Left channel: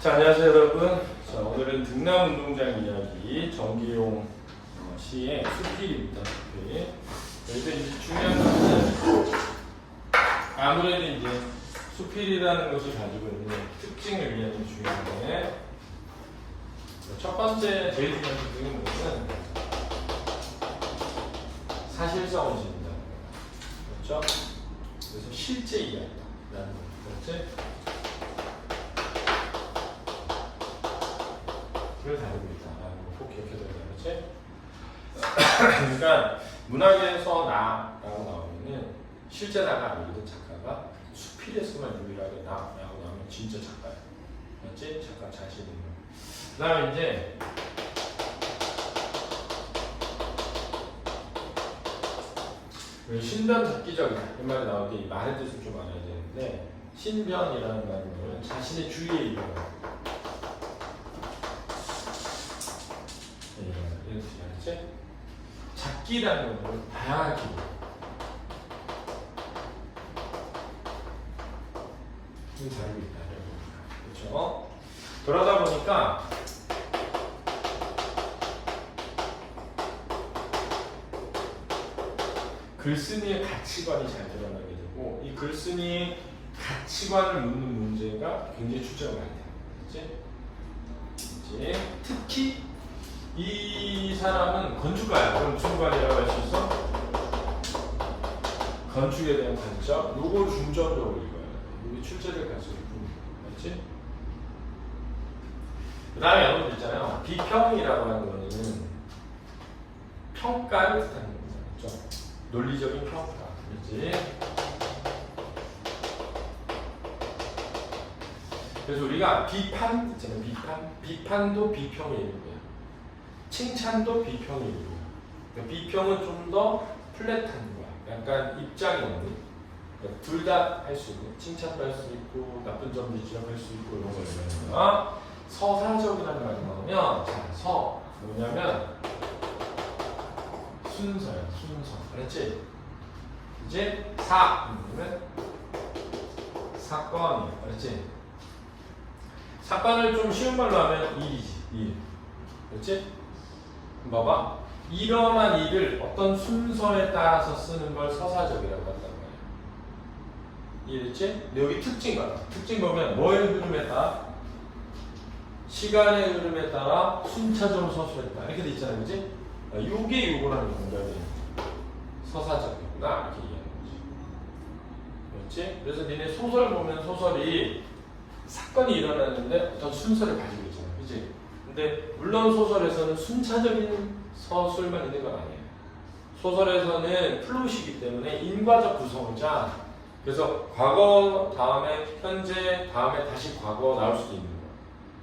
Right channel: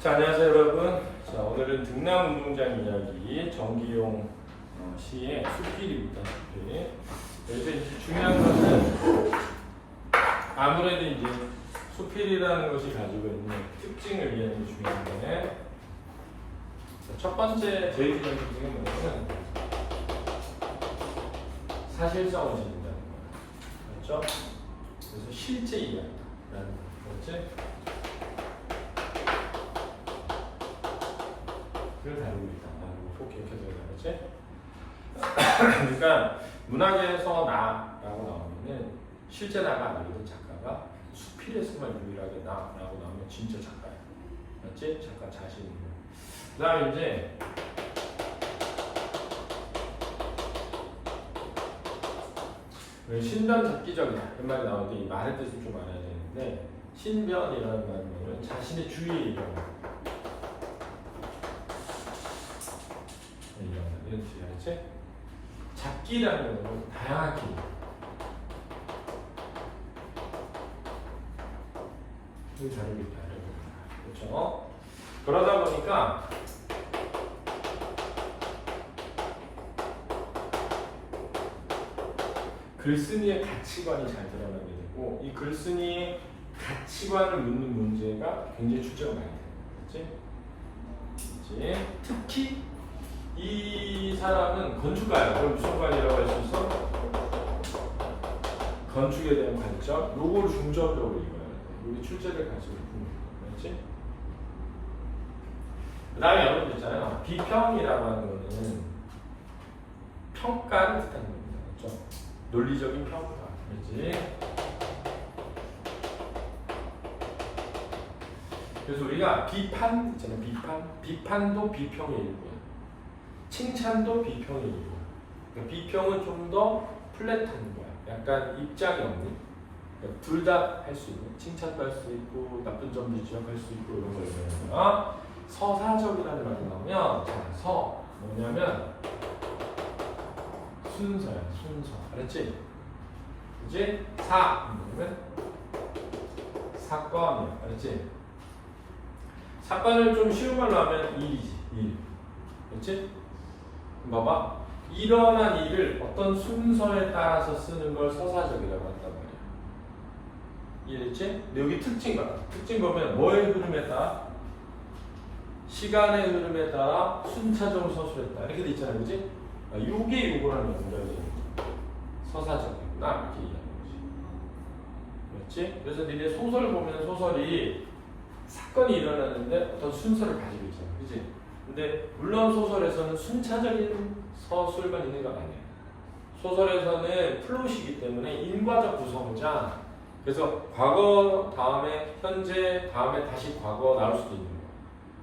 자, 안녕하세요 여러분. 자, 오늘은 등남 운동장 이야기 전기용 시의 수필입니다. 네. 여기서 이제 중요한 것은 아무래도 이제 수필이라는 것이 가지고 있는 특징을 이해하는 게 중요한데, 첫 번째 제일 중요한 특징은 뭐냐면 사실성을 지닌다는 거예요. 그렇죠? 그래서 실제 이야기라는 거. 그렇지? 를 다루고 있다라는 거 꼭 기억해둬야 되겠지? 그러니까 문학에서 나라고 나오면은 실제 나가 아니거든. 작가가 수필에서만 유일하게 나라고 나오면 진짜 작가야. 맞지? 작가 자신인 거. 그 다음에 이제 신변 잡기적이다 이 말이 나올 때 이 말의 뜻을 좀 알아야 되는데, 신변이라는 말은 자신의 주위에 있는 거. 이런 뜻이 알았지? 잡기라는 건 다양하게 다르고 있다. 그렇죠? 그러다 보니까 글쓴이의 가치관이 잘 드러나게 되고, 이 글쓴이의 가치관을 묻는 문제가 굉장히 출제가 많이 돼요. 그렇지? 특히 이 사람은 건축가야. 그럼 무슨 관이라고 할 수 있어? 건축에 대한 관점. 요걸 중점적으로 읽어야 돼. 여기 출제될 가능성이 있고, 맞지? 그 다음에 여러분들 있잖아요. 비평이라고 하는 거는 평가를 뜻하는 겁니다. 그렇죠? 논리적인 평가. 그렇지? 그래서 우리가 비판 있잖아요. 비판도 비평의 일부예요. 칭찬도 비평의 일부예요. 그러니까 비평은 좀 더 플랫한 거야. 약간 입장이 없는. 그러니까 둘 다 할 수 있는. 칭찬도 할 수 있고 나쁜 점도 지적할 수 있고 이런 걸 얘기하는 거야. 서사적이라는 말이 나오면, 자, 뭐냐면 순서야. 순서. 알았지? 이제 이거는 사건이야. 알았지? 사건을 좀 쉬운 말로 하면 일이지. 일. 그렇지? 봐봐. 일어난 일을 어떤 순서에 따라서 쓰는 걸 서사적이라고 한단 말이야. 이해됐지? 근데 여기 특징 봐봐. 특징 보면 뭐의 흐름에 따라? 시간의 흐름에 따라 순차적으로 서술했다. 이렇게 돼 있잖아. 그지? 요게 요거랑 연결이 서사적이구나. 이렇게 이해하는 거지. 그렇지? 그래서 니네 소설 보면 소설이 사건이 일어나는데 어떤 순서를 가지고 있잖아. 그지? 근데 물론 소설에서는 순차적인 서술만 있는 건 아니에요. 소설에서는 플롯이기 때문에 인과적 구성자, 그래서 과거 다음에 현재 다음에 다시 과거 나올 수도 있는 거야.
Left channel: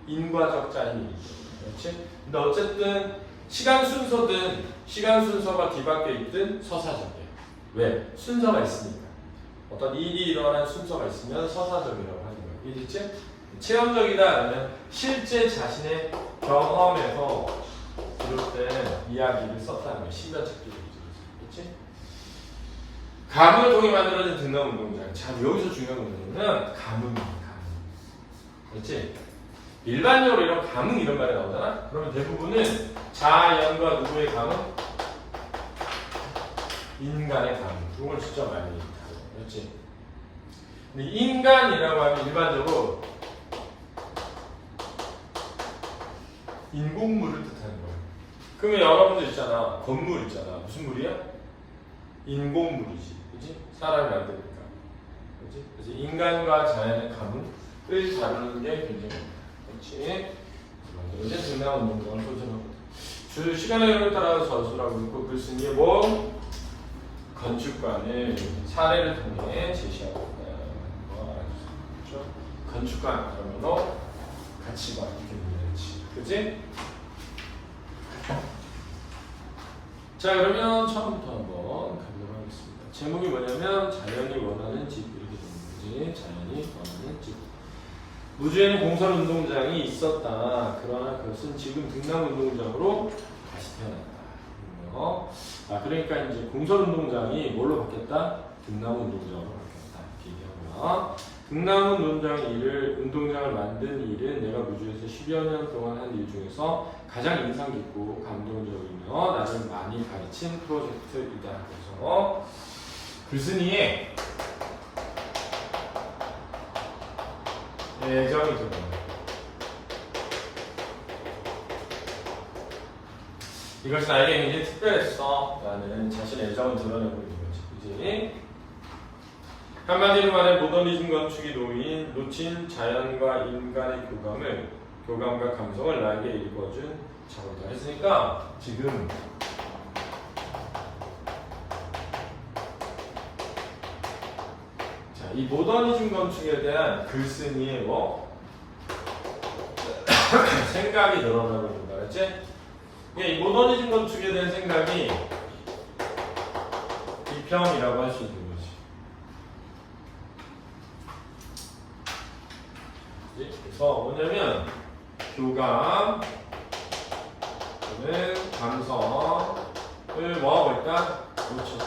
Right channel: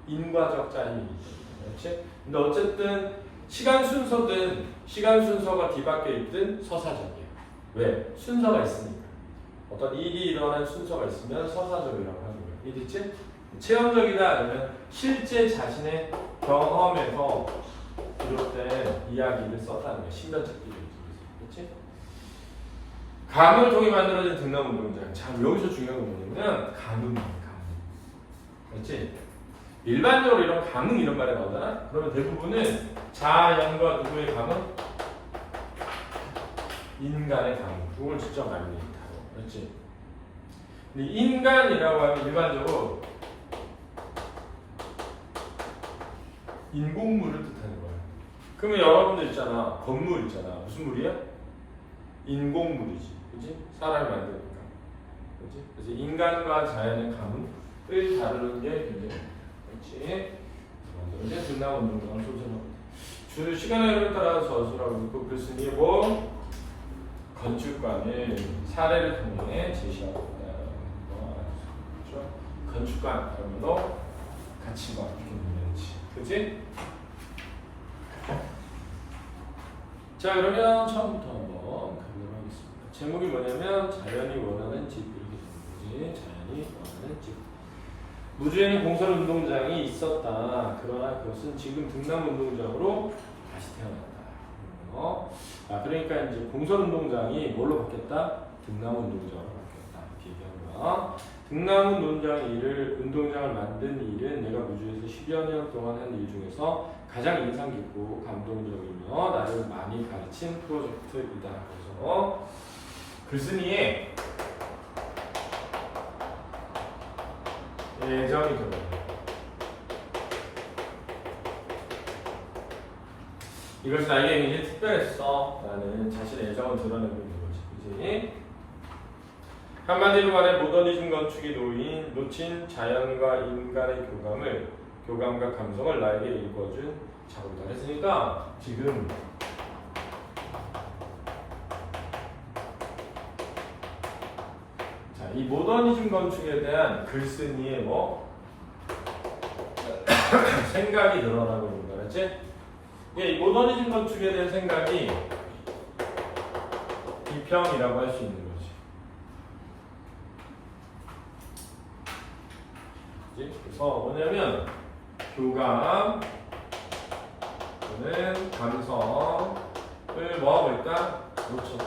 인과적 짜임이기 때문에. 그렇지? 근데 어쨌든 시간 순서가 뒤바뀌어 있든 서사적이야. 왜? 순서가 있으니까. 어떤 일이 일어난 순서가 있으면 서사적이라고 하는 거예요. 이해됐지? 체험적이다. 실제 자신의 경험에서 비롯된 이야기를 썼다는 거예요. 신변찾기를. 그렇지? 가문을 통해 만들어진 등남운동장. 자, 여기서 중요한 건 뭐냐면 가문이에요. 그렇지? 일반적으로 이런 가문 이런 말이 나오잖아? 그러면 대부분은 자연과 누구의 가문? 인간의 가문. 이걸 진짜 많이 다뤄. 그렇지? 근데 인간이라고 하면 일반적으로 인공물을 뜻하는 거야. 그러면 여러분들 있잖아. 건물 있잖아. 무슨 물이야? 인공물이지. 그렇지? 사람이 만드니까. 그렇지? 그래서 인간과 자연의 가문을 다루는 게 굉장히 important. 그렇지? 이제 등남운동장을 소설합니다. 시간의 흐름을 따라 저술하고 있고, 글쓴이의 건축관을 사례를 통해 제시하고 있다는 거 알아주세요. 그렇죠? 건축관, 그러면 가치관 이렇게 보내야지. 그렇지? 자, 그러면 처음부터 한번 가보도록 하겠습니다. 제목이 뭐냐면 자연이 원하는 집. 이렇게 되는 거지. 자연이 원하는 집. 무주에는 공설운동장이 있었다. 그러나 그것은 지금 등남운동장으로 다시 태어났다. 그러니까 이제 공설운동장이 뭘로 바뀌었다? 등남운동장으로 바뀌었다. 이렇게 얘기한 거야. 등나무 논장 일을 운동장을 만든 일은 내가 무주에서 10여 년 동안 한 일 중에서 가장 인상 깊고 감동적이며 나를 많이 가르친 프로젝트이다. 그래서 글쓴이의 애정이 들어요. 이것이 나에게 굉장히 특별했어 라는 자신의 애정을 드러내고 있는 거지. 그치? 한마디로 말해 모더니즘 건축이 놓친 자연과 인간의 교감과 감성을 나에게 읽어준 작업이다. 그랬으니까 지금 자, 이 모더니즘 건축에 대한 글쓴이의 생각이 늘어나고 있는 거야. 그렇지? 이 모더니즘 건축에 대한 생각이 비평이라고 할 수 있는 거지. 그래서 뭐냐면 교감 또는 감성을 뭐하고 있다? 놓쳤다.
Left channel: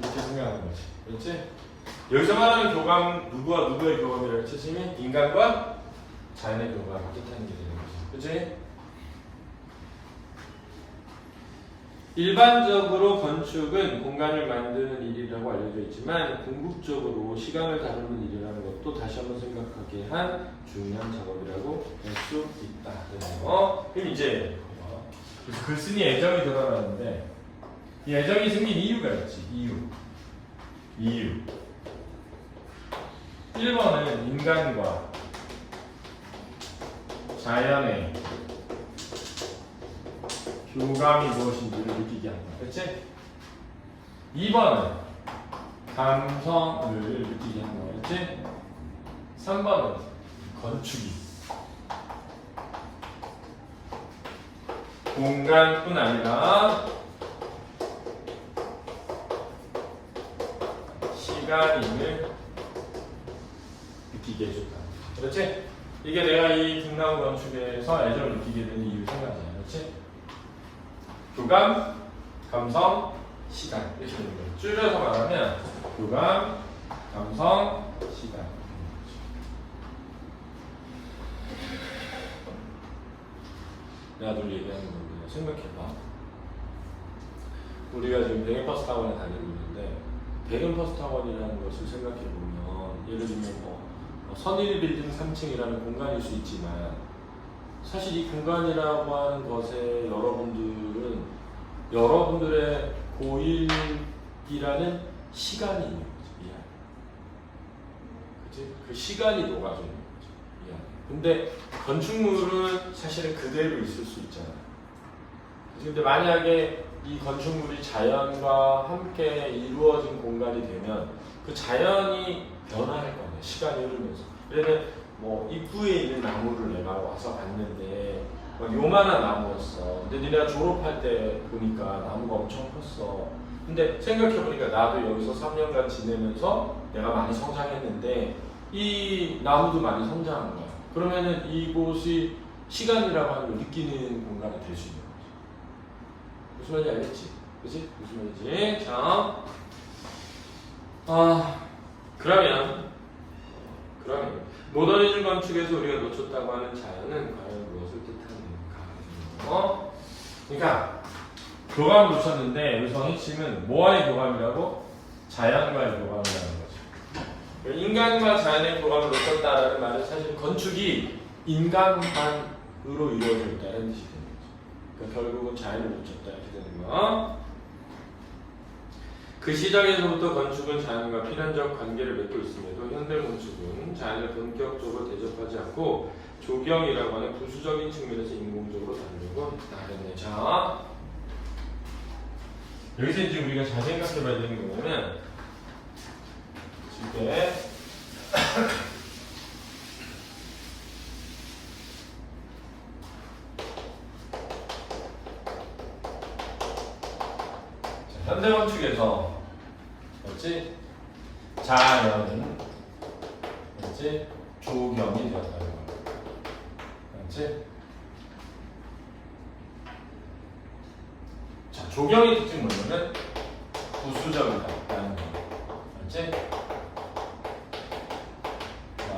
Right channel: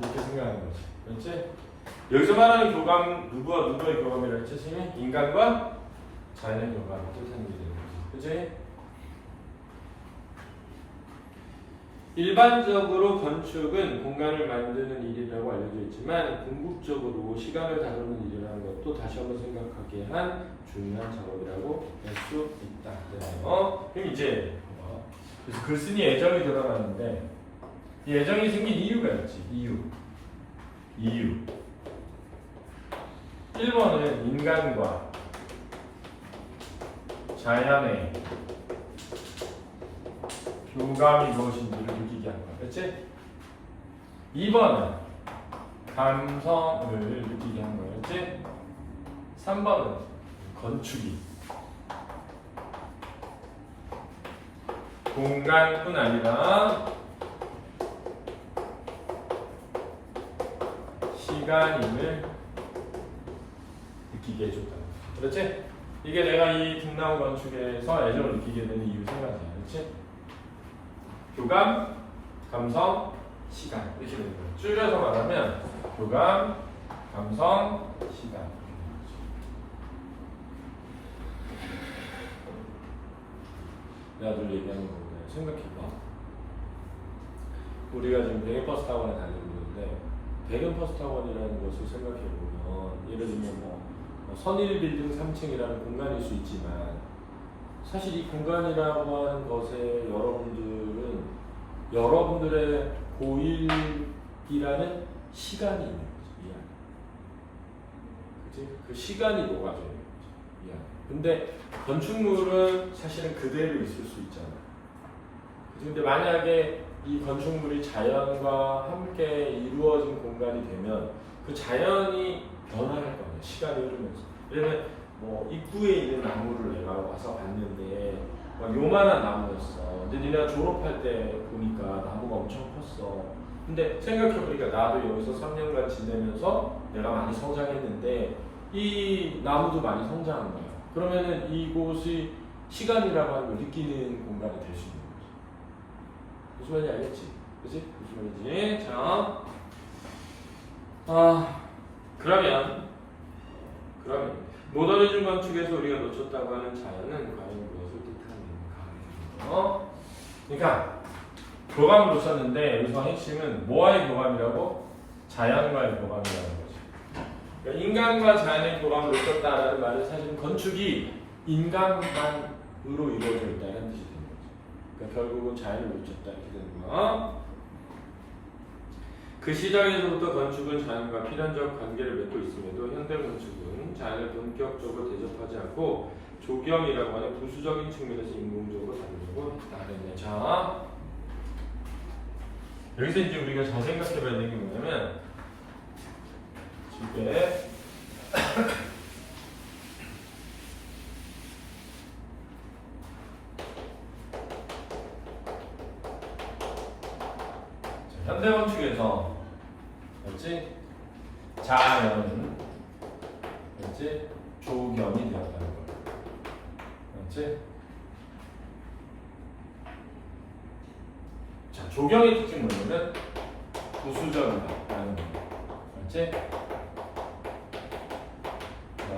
이렇게 생각하는 거지. 그렇지? 여기서 말하는 교감, 누구와 누구의 교감이라는 뜻이니? 인간과 자연의 교감을 뜻하는 게 되는 거지. 그렇지? 일반적으로 건축은 공간을 만드는 일이라고 알려져 있지만 궁극적으로 시간을 다루는 일이라는 것도 다시 한번 생각하게 한 중요한 작업이라고 할 수 있다. 그럼 이제 그래서 글쓴이 애정이 드러나는데 이 애정이 생긴 이유가 있지. 이유. 1번은 인간과 자연의 교감이 무엇인지를 느끼게 하는 거야. 그렇지? 2번은 감성을 느끼게 하는 거야. 그렇지? 3번은 건축이 공간뿐 아니라 시간임을 느끼게 해줬다. 그렇지? 이게 내가 이 등나무 건축에서 애정을 느끼게 되는 이유 생각이야. 그렇지? 교감, 감성, 시간 이렇게 되는 거예요. 줄여서 말하면 교감, 감성, 시간. 내가 늘 얘기하는 건데 생각해봐. 우리가 지금 대형버스 학원에 다니고 있는데 대형버스 학원이라는 것을 생각해보면 예를 들면 선일 빌딩 3층이라는 공간일 수 있지만 사실 이 공간이라고 하는 것에 여러분들의 고1이라는 시간이 있는 거지. 그치? 그 시간이 녹아져 있는 거지. 근데 건축물은 사실은 그대로 있을 수 있잖아. 그치? 근데 만약에 이 건축물이 자연과 함께 이루어진 공간이 되면 그 자연이 변할 거네. 시간이 흐르면서. 왜냐면 입구에 있는 나무를 내가 와서 봤는데 요만한 나무였어. 근데 니네가 졸업할 때 보니까 나무가 엄청 컸어. 근데 생각해보니까 나도 여기서 3년간 지내면서 내가 많이 성장했는데 이 나무도 많이 성장한 거야. 그러면은 이곳이 시간이라고 하는 걸 느끼는 공간이 될 수 있는 거지. 무슨 말인지 알겠지? 그치? 무슨 말인지. 자, 그러면 모더니즘 건축에서 우리가 놓쳤다고 하는 자연은 과연 무엇을 뜻하는가? 그러니까 교감을 놓쳤는데 여기서 핵심은 뭐와의 교감이라고? 자연과의 교감이라는 거죠. 그러니까 인간과 자연의 교감을 놓쳤다라는 말은 사실 건축이 인간만으로 이루어져 있다는 뜻이 되는 거죠. 그러니까 결국은 자연을 놓쳤다 이렇게 되는 거. 그 시작에서부터 건축은 자연과 필연적 관계를 맺고 있음에도 현대 건축은 자연을 본격적으로 대접하지 않고 조경이라고 하는 부수적인 측면에서 인공적으로 다루려고 했다. 자, 여기서 이제 우리가 잘 생각해봐야 되는 게 뭐냐면 이게 현대 건축에서 그렇지? 자연은 그렇지? 조경이 되었다는 거야. 그렇지? 자, 조경의 특징 뭐냐면 부수적이다라는 거야. 그렇지?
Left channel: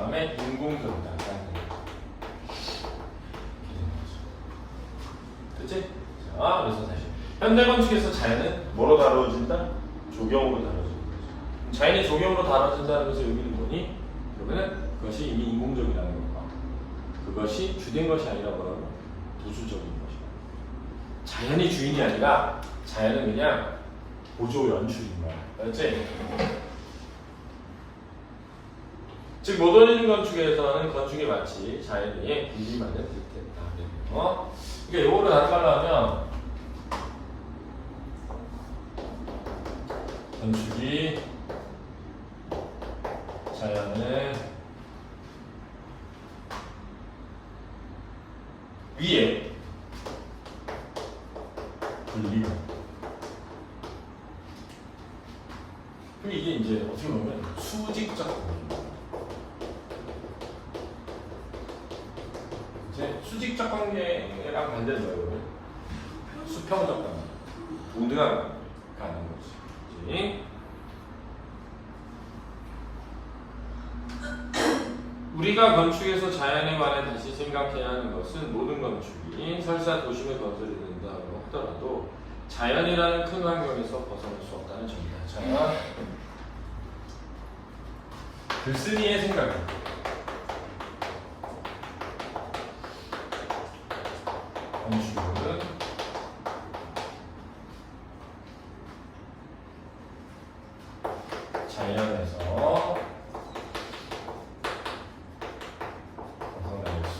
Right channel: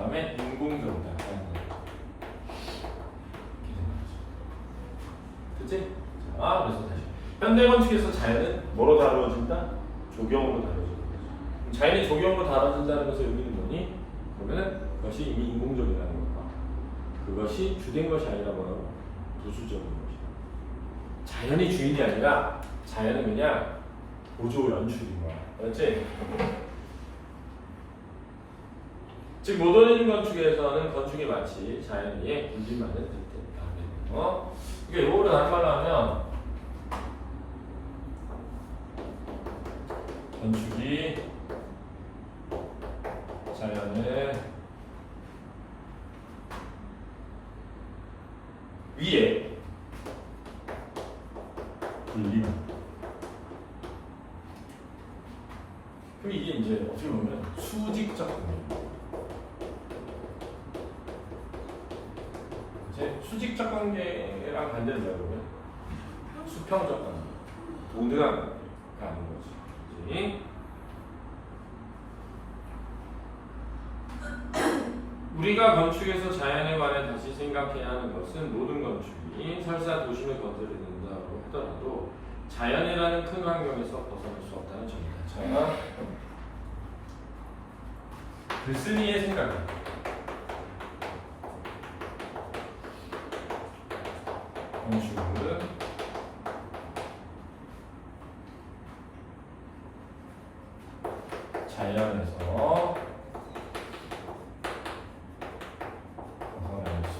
다음에 인공적이다. 그치? 자, 그래서 다시 현대 건축에서 자연은 뭐로 다뤄진다? 조경으로 다뤄진다. 자연이 조경으로 다뤄진다는 것은 의미는 뭐니? 그러면 그것이 이미 인공적이라는 거다. 그것이 주된 것이 아니라 뭐라고? 부수적인 것이다. 자연이 주인이 아니라 자연은 그냥 보조 연출인 거야. 알았지? 즉 모더니즘 건축에서는 건축이 마치 자연의 군림만을 뜻했다. 그러니까 요거를 다른 말로 하면 건축이 자연을 위에 군림. 그럼 이게 이제 어떻게 보면 수직적 관계. 이제 수직적 관계랑 반대로 여러분 수평적 관계, 동등한 관계가 아닌 거지. 우리가 건축에서 자연에 관해 다시 생각해야 하는 것은 모든 건축이 설사 도심에 건설이 된다고 하더라도 자연이라는 큰 환경에서 벗어날 수 없다는 점이다. 자, 글쓴이의 생각은 건축은 자연에서 벗어날 수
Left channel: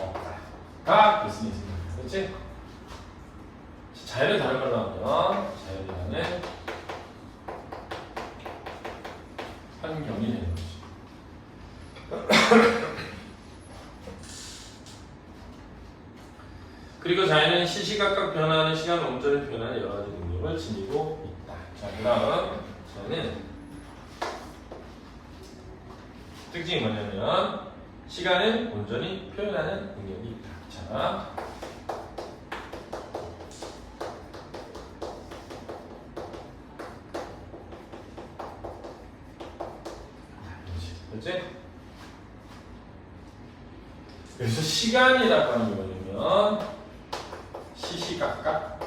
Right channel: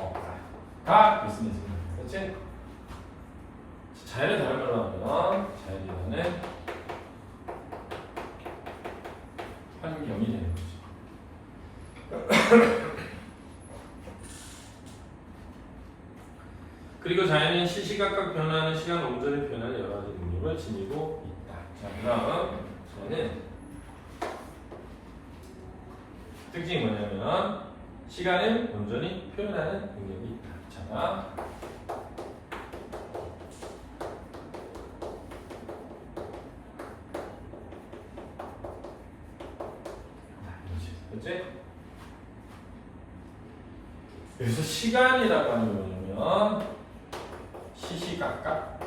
없다가 글쓴이의 생각이야. 그렇지? 자연을 다른 걸로 하면 자연이라는 환경이 되는 거지. 그리고 자연은 시시각각 변화하는 시간 온전히 변하는 여러 가지 능력을 지니고 있다. 자, 그다음 자연은 특징이 뭐냐면 시간을 온전히 표현하는 능력이 있다. 자, 그렇지? 여기서 시간이라고 하는 게 뭐냐면 시시각각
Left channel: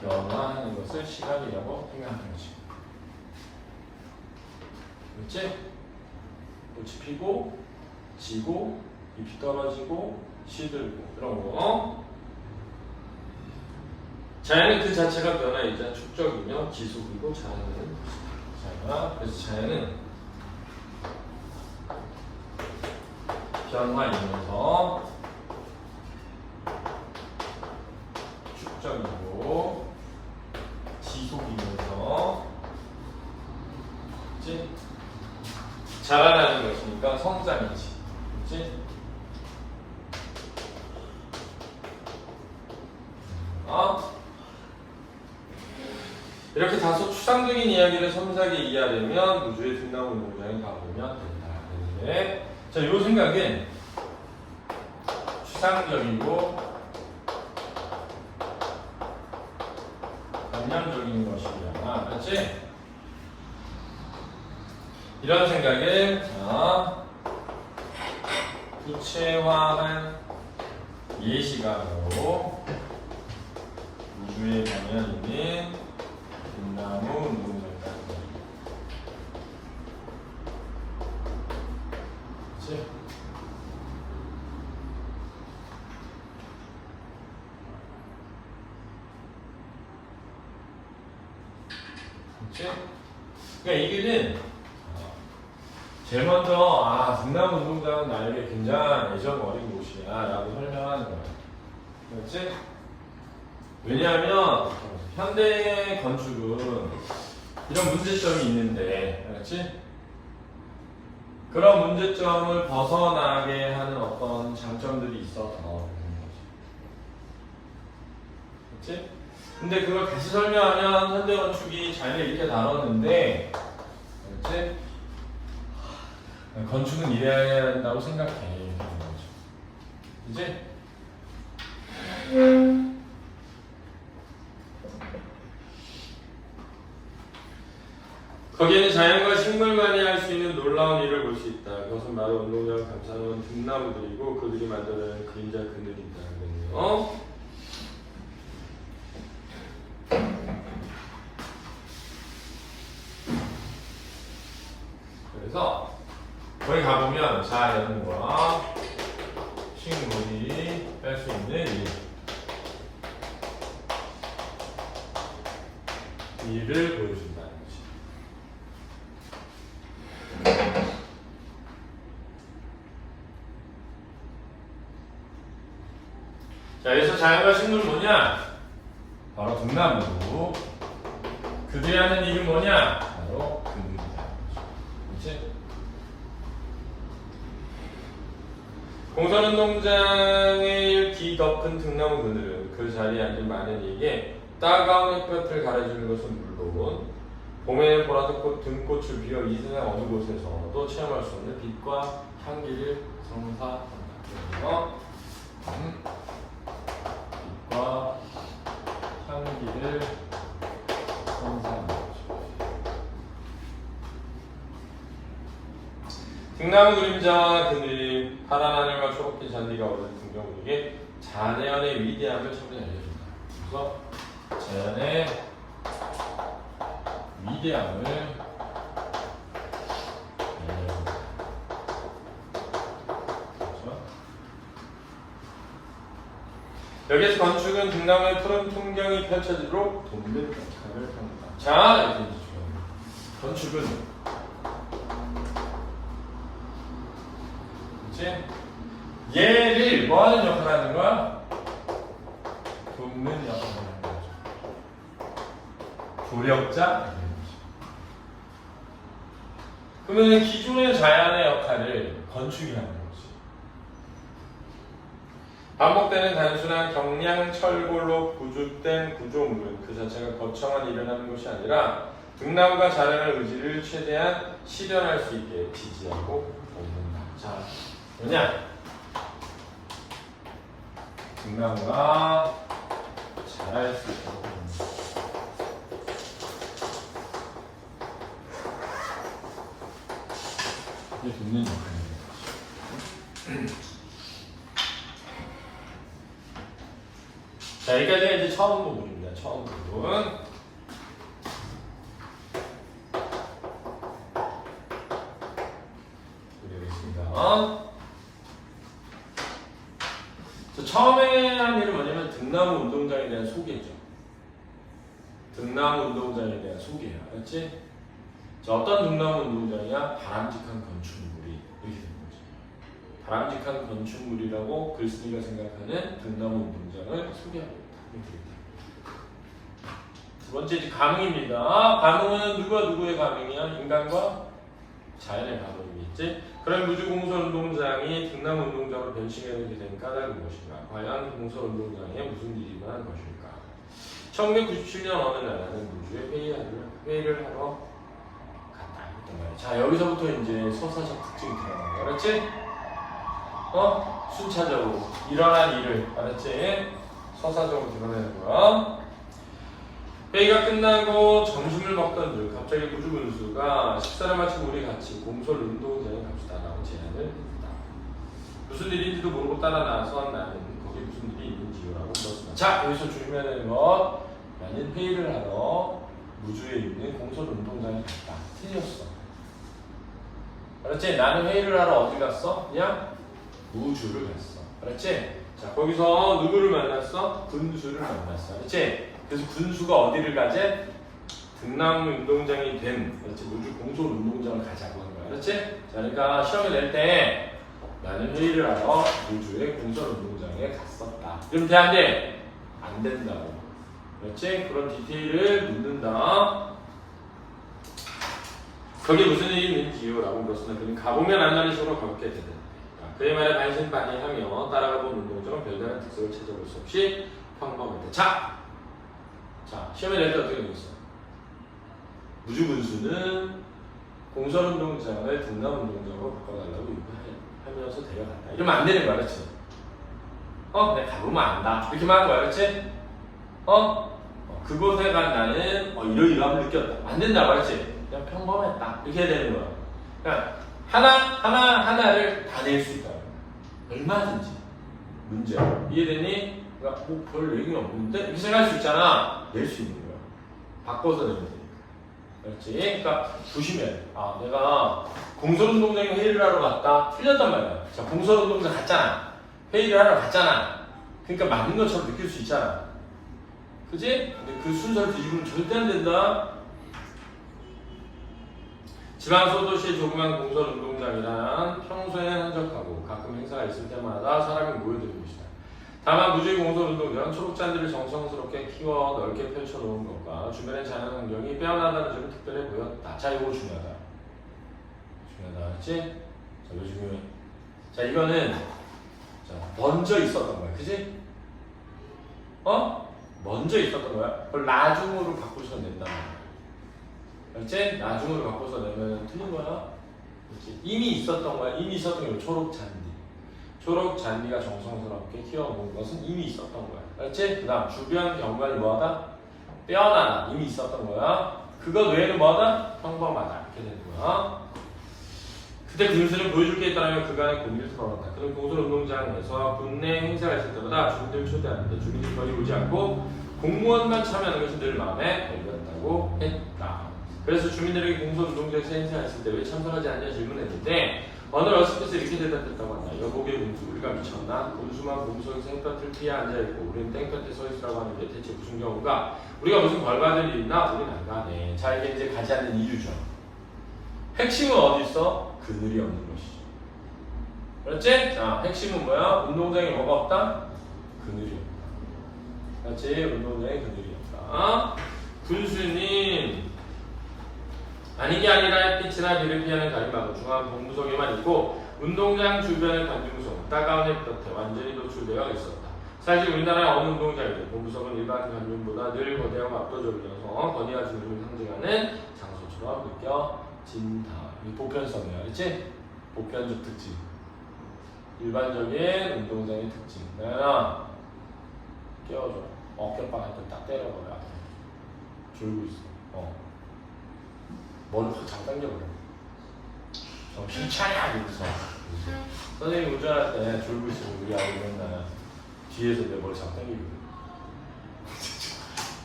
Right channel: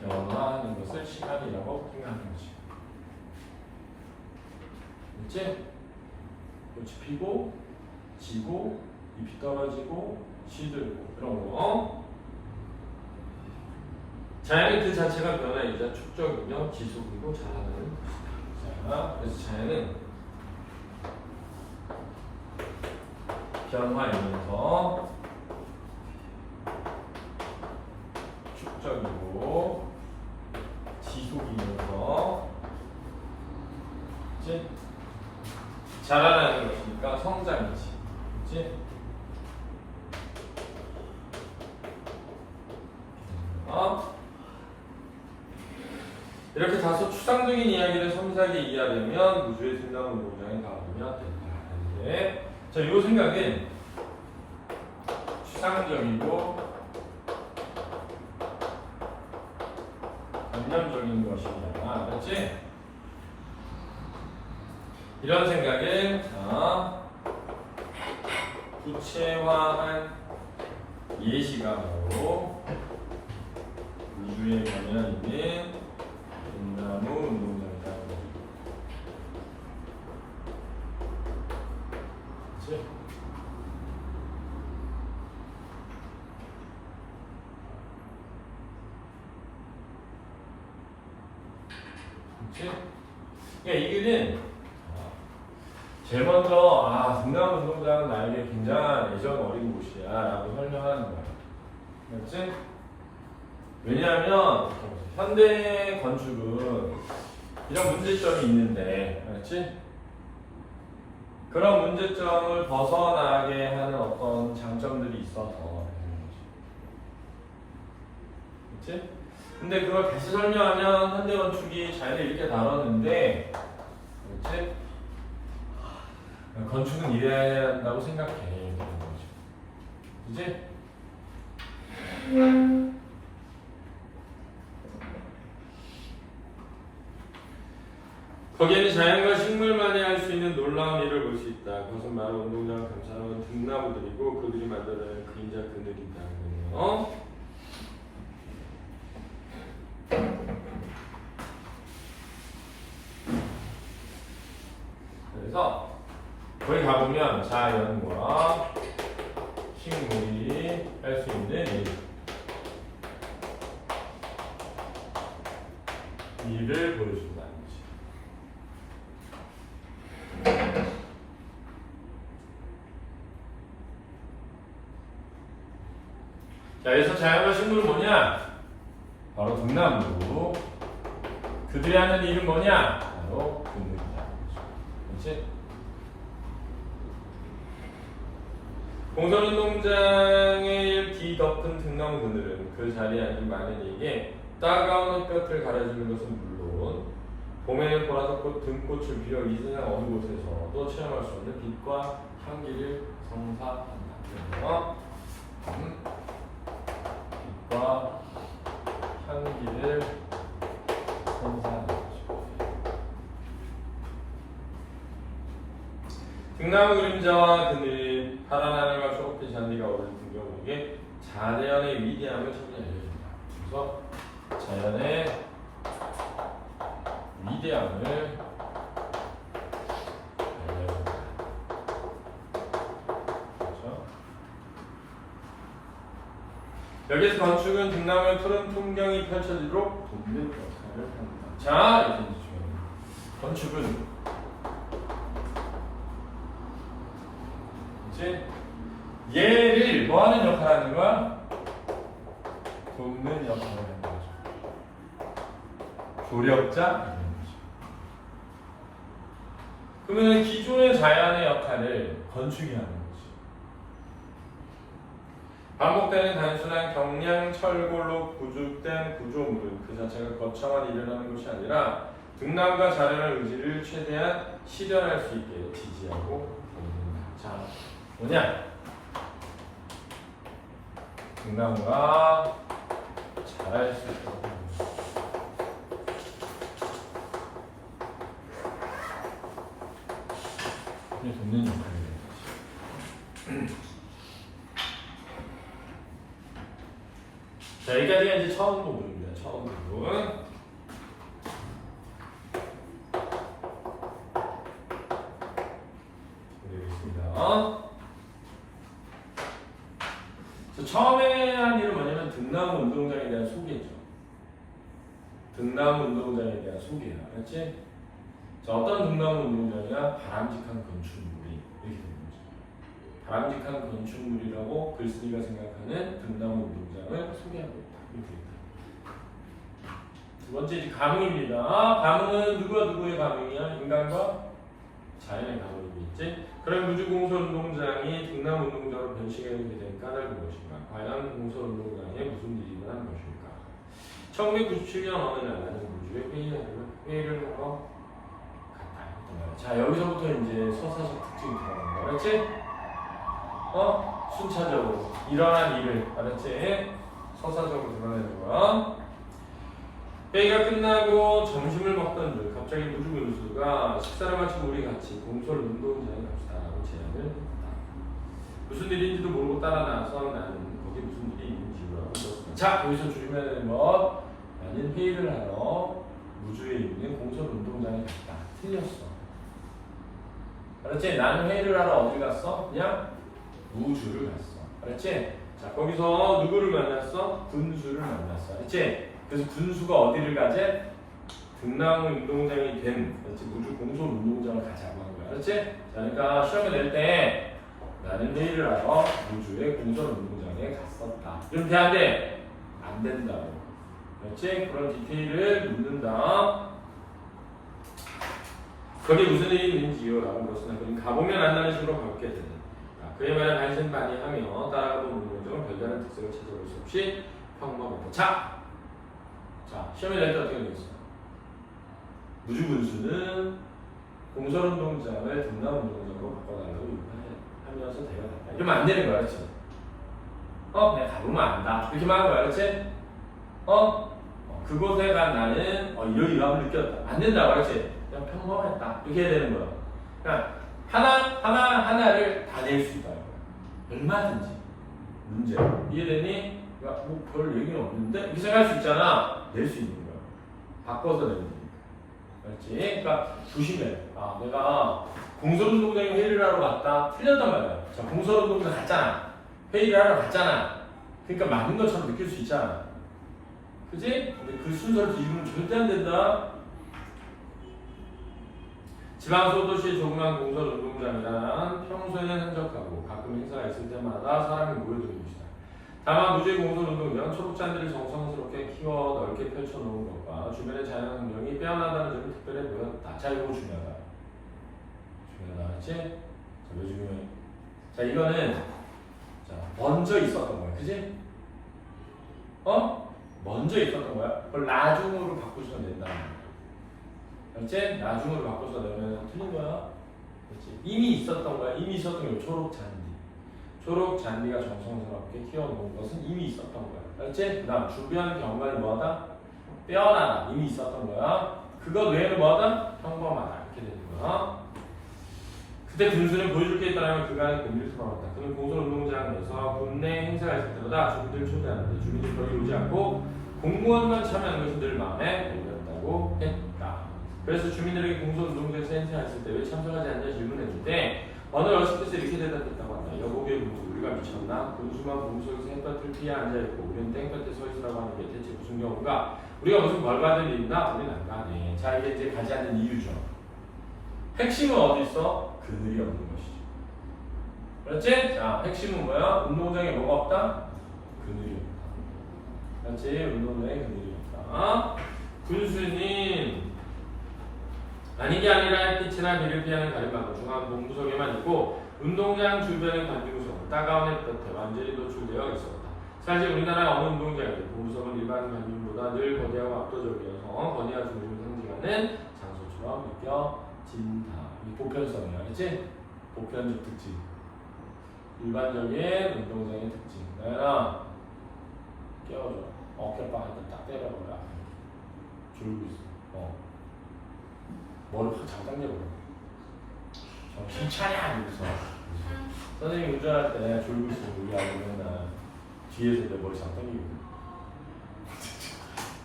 변화하는 것을 시간이라고 생각하는 거지. 그렇지? 꽃이 피고 지고 잎이 떨어지고 시들고 그런 거. 자연은 그 자체가 변화이자 축적이며 지속이고 자연은 자, 그래서 자연은 변화이면서 축적이고 지속이면서 그치? 자라나는 것이니까 성장이지. 그치? 이렇게 다소 추상적인 이야기를 섬세하게 이해하려면 우주의 등나무 모양을 바라보면 된다. 네. 자, 이 생각은 추상적이고 관념적인 것이냐, 그렇지? 이런 생각을 구체화한 예시가로 우주의 경향 있는 등나무 운동장까지. 그렇지? 그렇지? 그러니까 이게는 제일 먼저 등나무 운동장은 나에게 굉장히 애정 어린 곳이야 라고 설명하는 거야. 그렇지? 왜냐하면 현대 건축은 이런 문제점이 있는데, 그렇지? 그런 문제점을 벗어나게 하는 어떤 장점들이 있어서 그렇지? 근데 그걸 다시 설명하면 현대 건축이 자연을 이렇게 다뤘는데, 그렇지? 건축은 이래야 한다고 생각해. 그렇지? 거기에는 자연과 식물만이 할 수 있는 놀라운 일을 볼 수 있다. 그것은 바로 운동장을 감싸는 등나무들이고 그들이 만들어내는 그림자 그늘이다. 그러네요. 그래서 거기 가보면 자연과 식물이 할 수 있는 일을 보여준다는 거지. 자, 여기서 자연과 식물은 뭐냐? 바로 등나무고 그들이 하는 일은 뭐냐? 바로 그늘이다. 그렇지? 공설운동장의 뒤덮은 등나무 그늘은 그 자리에 앉은 많은 이에게 따가운 햇볕을 가려주는 것은 물론 봄에는 보라색 등꽃을 피워 이 세상 어느 곳에서도 체험할 수 없는 빛과 향기를 선사한다. 그래서 빛과 향기를 선사한다. 등나무 그림자와 그늘, 파란 하늘과 초록빛 잔디가 어우러진 풍경에게 자연의 위대함을 소리 알려준다. 그래서 자연의 위대함을 알려준다. 그렇죠? 여기서 건축은 등나무의 푸른 풍경이 펼쳐지도록 돕는 역할을 합니다. 자, 이렇게 건축은 얘를 뭐 하는 역할을 하는 거야? 돕는 역할을 하는 거죠. 조력자? 그러면 기존의 자연의 역할을 건축이 하는 거지. 반복되는 단순한 경량 철골로 구조된 구조물은 그 자체가 거창한 일을 하는 것이 아니라 등나무가 자라날 의지를 최대한 실현할 수 있게 지지하고 돕는다. 자, 뭐냐? 등나무가 자랄 수 있도록 이게 돕는 역할입니다. 자, 여기까지가 이제 처음 부분입니다. 처음 부분. 그리겠습니다. 처음에 한 일은 뭐냐면 등나무 운동장에 대한 소개죠. 등나무 운동장에 대한 소개야. 알았지? 자, 어떤 등나무 운동장이야? 바람직한 건축물이 이렇게 되는 거죠. 바람직한 건축물이라고 글쓴이가 생각하는 등나무 운동장을 소개하고 있다. 이렇게 있다. 두 번째 이제 가능입니다. 가능은 누가 누구의 가능이야? 인간과 자연의 가능이겠지? 그런 무주공설운동장이 등나무 운동장으로 변신하게 된 까닭은 무엇인가? 과연 공설운동장에 무슨 일이 일어난 것일까? 1997년 어느 날 나는 무주에 회의를 하러 갔다. 자, 여기서부터 이제 서사적 특징이 들어가는 거야. 알았지? 순차적으로 일어난 일을, 알았지? 서사적으로 드러내는 거야. 회의가 끝나고 점심을 먹던 중 갑자기 무주군수가 식사를 마치고 우리 같이 공설운동장에 갑시다라고 제안을 했다. 무슨 일인지도 모르고 따라 나선 나는 거기 무슨 일이 있는지 라고 물었습니다. 자, 여기서 조심해야 되는 것, 나는 회의를 하러 무주에 있는 공설운동장에 갔다. 틀렸어. 알았지? 나는 회의를 하러 어디 갔어? 그냥 무주를 갔어. 알았지? 자, 거기서 누구를 만났어? 군수를 만났어. 알았지? 그래서 군수가 어디를 가재? 등나무 운동장이 된, 그렇지? 무주 공설 운동장을 가자고 한 거야. 그렇지? 자, 그러니까 시험에 낼 때 나는 회의를 하러 무주의 공설 운동장에 갔었다. 그럼 돼, 안 돼? 안 된다고. 그렇지? 그런 디테일을 묻는다. 거기 무슨 일이 있는지요? 라고 물었으나 그는 가보면 안다는 식으로 가볍게 된다. 그의 말에 반신반의하며 따라가본 운동장은 별다른 특색을 찾아볼 수 없이 평범하다. 자, 시험에 낼 때 어떻게 되겠어? 무주군수는 공설운동장을 등나무운동장으로 바꿔달라고 요구하면서 데려간다. 이러면 안 되는 거야, 그렇지? 내가 가보면 안다. 이렇게만 하는 거야, 그렇지? 그곳에 간 나는 이러이러함을 느꼈다. 안 된다, 그렇지? 그냥 평범했다. 이렇게 해야 되는 거야. 그러니까 하나를 다 낼 수 있다. 얼마든지. 문제. 이해되니? 그러니까 별 얘기는 없는데? 이렇게 생각할 수 있잖아. 낼 수 있는 거야. 바꿔서 내면 되니까. 그렇지? 그러니까 조심해. 내가 공설운동장에 회의를 하러 갔다. 틀렸단 말이야. 자, 공설운동장 갔잖아. 회의를 하러 갔잖아. 그러니까 맞는 것처럼 느낄 수 있잖아. 그지? 근데 그 순서를 뒤집으면 절대 안 된다. 지방 소도시의 조그만 공설운동장이란 평소에는 한적하고 가끔 행사가 있을 때마다 사람이 모여드는 곳이다. 다만 무주의 공설운동장 초록잔디를 정성스럽게 키워 넓게 펼쳐놓은 것과 주변의 자연 환경이 빼어난다는 점이 특별해 보였다. 자, 이거 중요하다. 중요하다. 알았지? 자, 왜 중요해? 자, 이거는 자, 먼저 있었던 거야. 그지? 먼저 있었던 거야. 그걸 나중으로 바꾸셔서 낸다는 거야. 알지? 나중으로 바꿔서 내면 틀린 거야. 그렇지? 이미 있었던 거야. 이미 있었던 거야. 초록잔디. 초록잔디가 정성스럽게 키워놓은 것은 이미 있었던 거야. 알지? 그 다음 주변 경관을 뭐하다? 빼어나다. 이미 있었던 거야. 그것 외에는 뭐하다? 평범하다. 이렇게 되는 거야. 그때 군수는 보여줄 게 있다면 그간의 고민을 털어놨다. 그는 공설운동장에서 군내 행사가 있을 때마다 주민들을 초대하는데 주민들이 거리 오지 않고 공무원만 참여하는 것은 늘 마음에 걸렸다고 했다. 그래서 주민들에게 공설운동장에서 행사가 있을 때 왜 참석하지 않냐 질문했는데 어느 어렸을 때서 이렇게 대답했다고 한다. 여보게 군수 우리가 미쳤나? 군수만 몸속에서 햇볕을 피해 앉아있고 우리는 땡볕에 서 있으라고 하는 게 대체 무슨 경우가? 우리가 무슨 벌 받을 일이나 우린 안 가네. 자, 이게 이제 가지 않는 이유죠. 핵심은 어디 있어? 그늘이 없는 것이죠. 그렇지? 자, 핵심은 뭐야? 운동장에 뭐가 없다? 그늘이 없다. 그렇지? 운동장에 그늘이 없다. 군수님 아닌 게 아니라 햇빛이나 비를 피하는 가림막은 중앙 본부석에만 있고 운동장 주변의 관중석 따가운 햇볕에 완전히 노출되어 있었다. 사실 우리나라 어느 운동장이든 본부석은 일반 관중보다 늘 거대하고 압도적이어서 거대한 주민을 상징하는 장소처럼 느껴진다. 이 보편성이야, 그렇지? 보편적 특징. 일반적인 운동장의 특징. 나연아, 깨워줘. 어깨빵한테 딱 때려버려. 졸고 있어. 머리 확 잘 당겨버려. 정신 차려! 이러면서. 선생님 운전할 때 졸고 있으면 우리 아이 맨날 뒤에서 내 머리 잘 당기거든.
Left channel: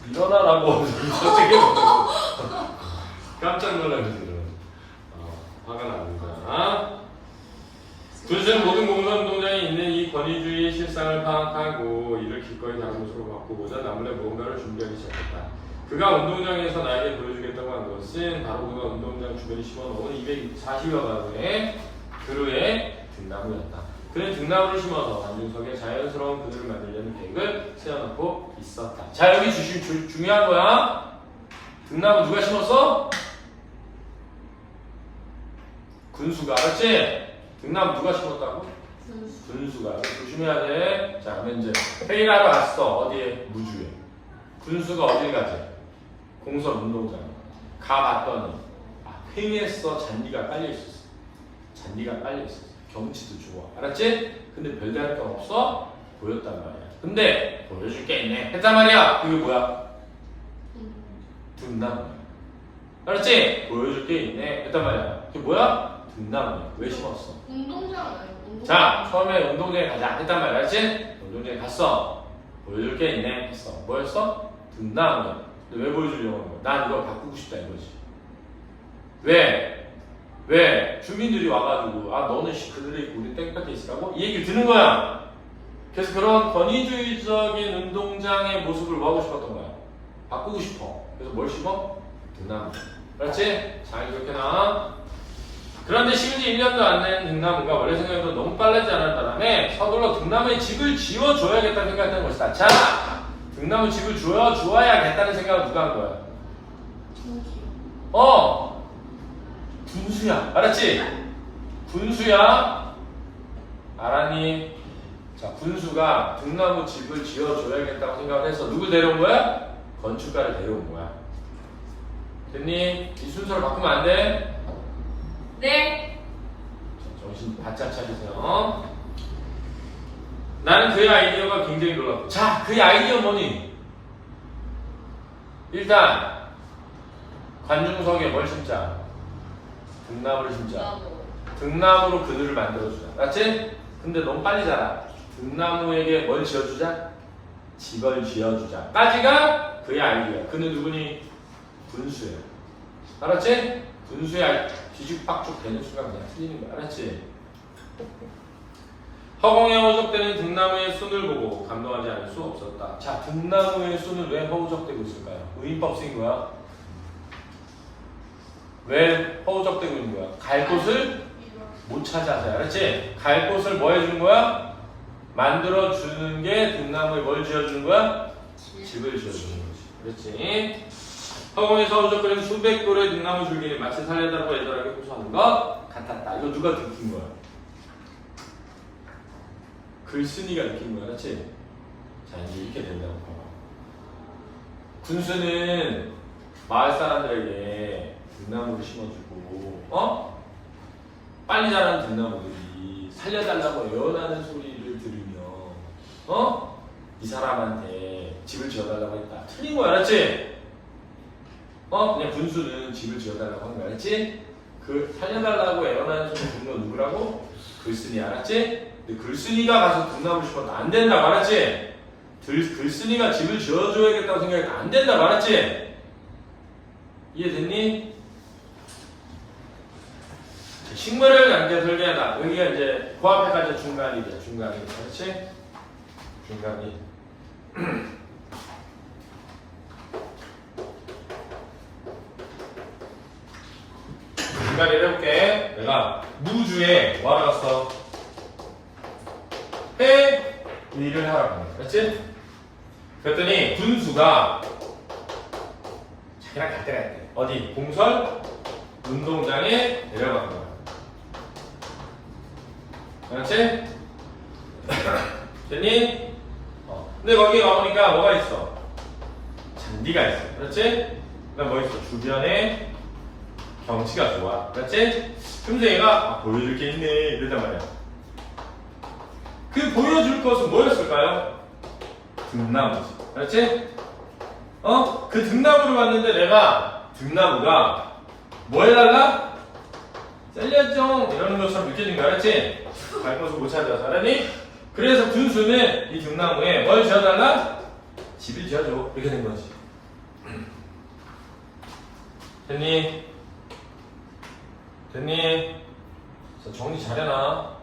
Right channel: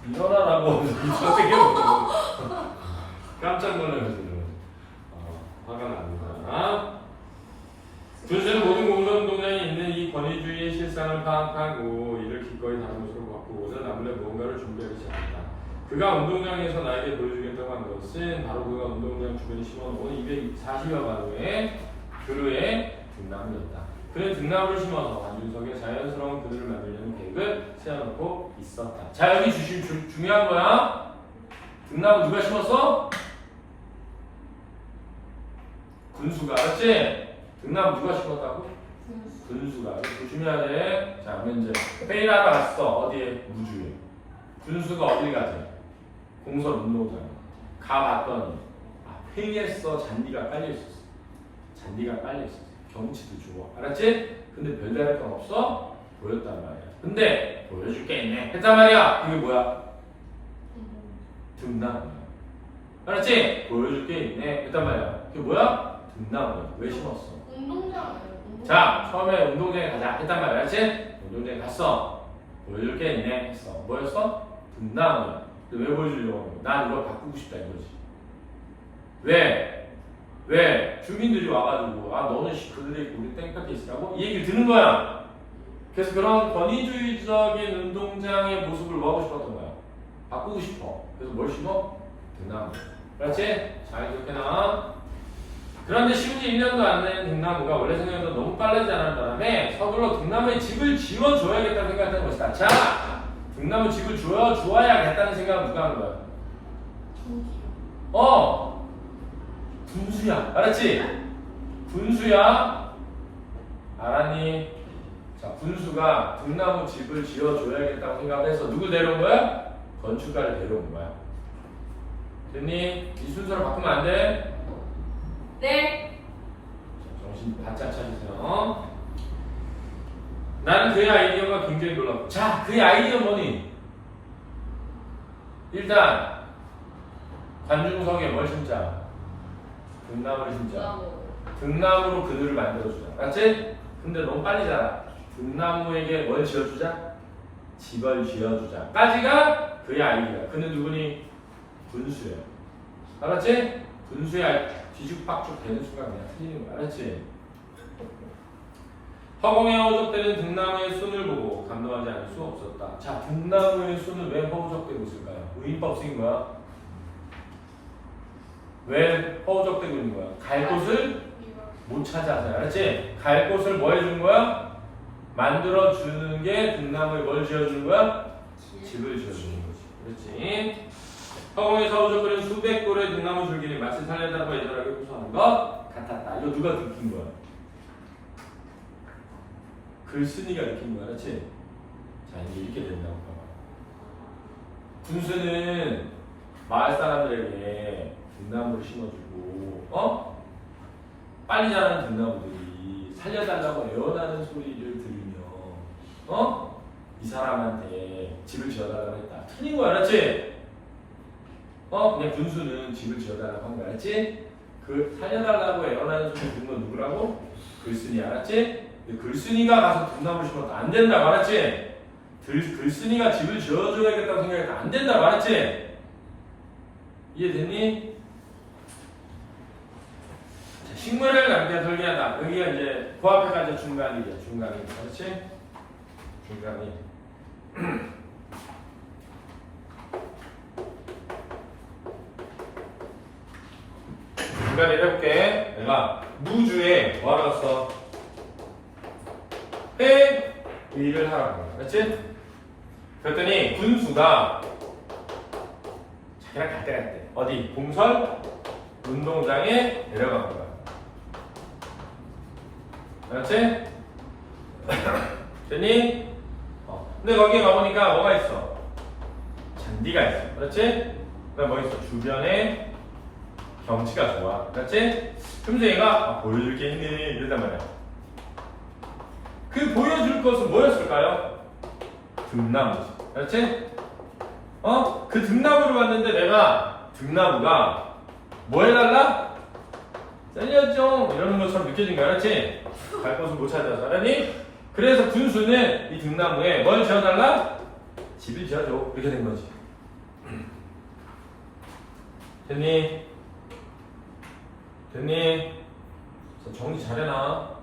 일어나라고 갑자기 깜짝 놀라면서 화가 납니다. 군수는 모든 공산동장에 있는 이 권위주의의 실상을 파악하고 이를 기꺼이 다른 곳으로 바꾸고자 나물에 무언가를 준비하기 시작했다. 그가 운동장에서 나에게 보여주겠다고 한 것은 바로 그가 운동장 주변에 심어놓은 240여 그루의 등나무였다. 그는 등나무를 심어서 관중석에 자연스러운 그늘을 만들려는 계획을 세워놓고 있었다. 자, 여기 중요한 거야. 등나무 누가 심었어? 군수가. 알았지? 등나무 누가 심었다고? 군수가. 조심해야 돼. 자, 그러면 이제 회의를 하러 갔어. 어디에? 무주에. 군수가 어딜 가지? 공설운동장. 가봤더니 횡했어. 잔디가 깔려있었어. 잔디가 깔려있었어. 경치도 좋아. 알았지? 근데 별다를 건 없어? 보였단 말이야. 근데 보여줄 게 있네. 했단 말이야. 그게 뭐야? 등나무. 알았지? 보여줄 게 있네. 했단 말이야. 그게 뭐야? 등나무. 왜 심었어? 운동장 아니에요? 자, 처음에 운동장에 가자. 했단 말이야. 알았지? 운동장에 갔어. 보여줄 게 있네. 했어. 뭐였어? 등나무야. 근데 왜 보여주려고? 난 이거 바꾸고 싶다 이거지. 왜? 왜? 주민들이 와가지고 너는 그들에 있고 우리 땡볕에 있으라고? 이 얘기를 듣는 거야. 그래서 그런 권위주의적인 운동장의 모습을 뭐하고 싶었던 거야? 바꾸고 싶어. 그래서 뭘 심어? 등나무. 그렇지? 잘 기억해놔. 그런데 심지 1년도 안 된 등나무가 원래 생각보다 너무 빨라지지 않은 바람에 서둘러 등나무에 집을 지어줘야겠다는 생각을 했던 것이다. 자! 등나무 집을 주어야겠다는 생각을 누가 한 거야? 분수야. 알았지? 분수야. 알았니? 자, 분수가 등나무 집을 지어줘야겠다고 생각을 해서 누굴 데려온 거야? 건축가를 데려온 거야. 됐니? 이 순서를 바꾸면 안 돼? 네. 자, 정신 바짝 차리세요. 나는 그의 아이디어가 굉장히 놀랐고. 자, 그의 아이디어 뭐니? 일단 관중석에 뭘 심자? 등나무를 심자. 나무. 등나무로 그늘을 만들어주자. 맞지? 근데 너무 빨리 자라. 등나무에게 뭘 지어주자? 집을 지어주자. 까지가 그의 아이디어. 그는 누구니? 분수야. 알았지? 분수야. 뒤죽박죽 되는 순간 그냥 틀리는 거야. 알았지? 허공에 허우적대는 등나무의 손을 보고 감동하지 않을 수 없었다. 자, 등나무의 손을 왜 허우적대고 있을까요? 의인법 쓰인 거야. 왜 허우적대고 있는 거야? 갈 곳을 못 찾아서. 알았지? 갈 곳을 뭐 해준 거야? 만들어 주는 게 등나무에 뭘 지어주는 거야? 집을 지어주는 거지. 그렇지? 허공에서 허우적대는 수백 돌의 등나무 줄기를 마치 살려달라고 애절하게 호소하는 것 같았다. 이거 누가 느낀 거야? 글쓴이가 느낀 거야, 그렇지? 자, 이제 이렇게 된다고. 군수는 마을 사람들에게 등나무를 심어주고, 빨리 자라는 등나무들이 살려달라고 애원하는 소리를 들으며, 이 사람한테 집을 지어달라고 했다. 틀린 거 알았지? 그냥 군수는 집을 지어달라고 한 거 알았지? 그 살려달라고 애원하는 소리 듣는 건 누구라고? 글쓴이 알았지? 글쓴이가 가서 등나무를 심어도 안 된다 말았지? 글쓴이가 집을 지어줘야겠다고 생각해도 안 된다 말았지? 이해됐니? 식물을 남겨 설계하다. 여기가 이제 그 앞에까지 중간이야. 중간이. 그렇지? 중간이. 중간이를 해볼게. 내가 무주에 뭐 하러 갔어? 회 일을 하라고. 그렇지? 그랬더니 군수가 자기랑 갈 때가 있대. 어디? 공설 운동장에 내려간 거야. 알았지? 됐니? 근데 거기 가보니까 뭐가 있어? 잔디가 있어. 그렇지? 그다음 뭐 있어? 주변에 경치가 좋아. 그렇지? 그러면서 얘가 보여줄 게 있네 이러단 말이야. 그 보여줄 것은 뭐였을까요? 등나무지. 그렇지? 그 등나무를 봤는데 내가 등나무가 뭐 해달라? 살려줘 이러는 것처럼 느껴진 거야. 그렇지? 갈 곳을 못 찾아서. 알았니? 그래서 군수는 이 등나무에 뭘 지어달라? 집을 지어줘. 이렇게 된 거지. 됐니? 됐니? 정리 잘해놔.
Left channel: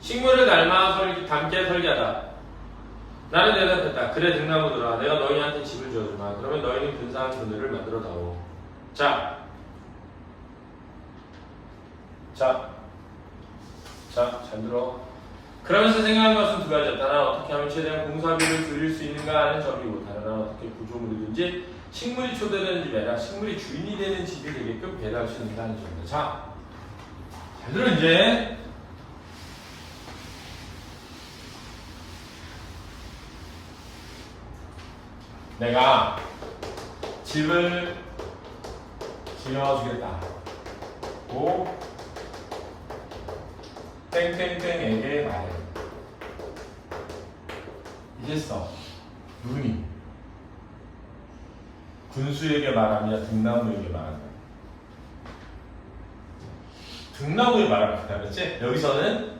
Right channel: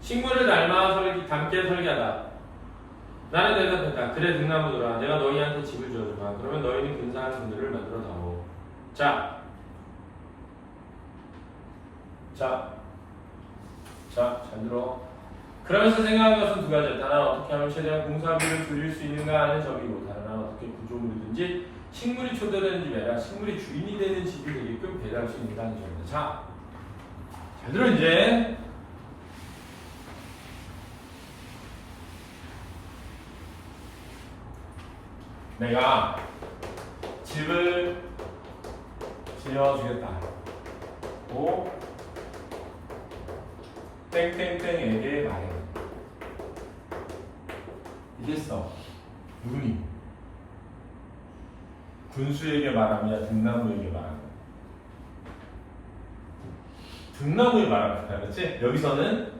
식물을 닮아 닮게 설계하다. 나는 대답했다. 그래 등나무들아, 내가 너희한테 집을 지어주마. 그러면 너희는 근사한 분들을 만들어다오. 자, 잘 들어. 그러면서 생각한 것은 두 가지다. 하나, 어떻게 하면 최대한 공사비를 줄일 수 있는가 하는 점이고, 다른 하나, 어떻게 구조물이든지 식물이 초대되는 집이 아니라 식물이 주인이 되는 집이 되게끔 배려할 수 있는가 하는 점이다. 자, 잘 들어 이제. 내가 집을 지어주겠다. 고 땡땡땡에게 말해. 이랬어. 누구니? 군수에게 말하냐, 등나무에게 말하냐. 등나무에 말하면 된다, 그렇지? 여기서는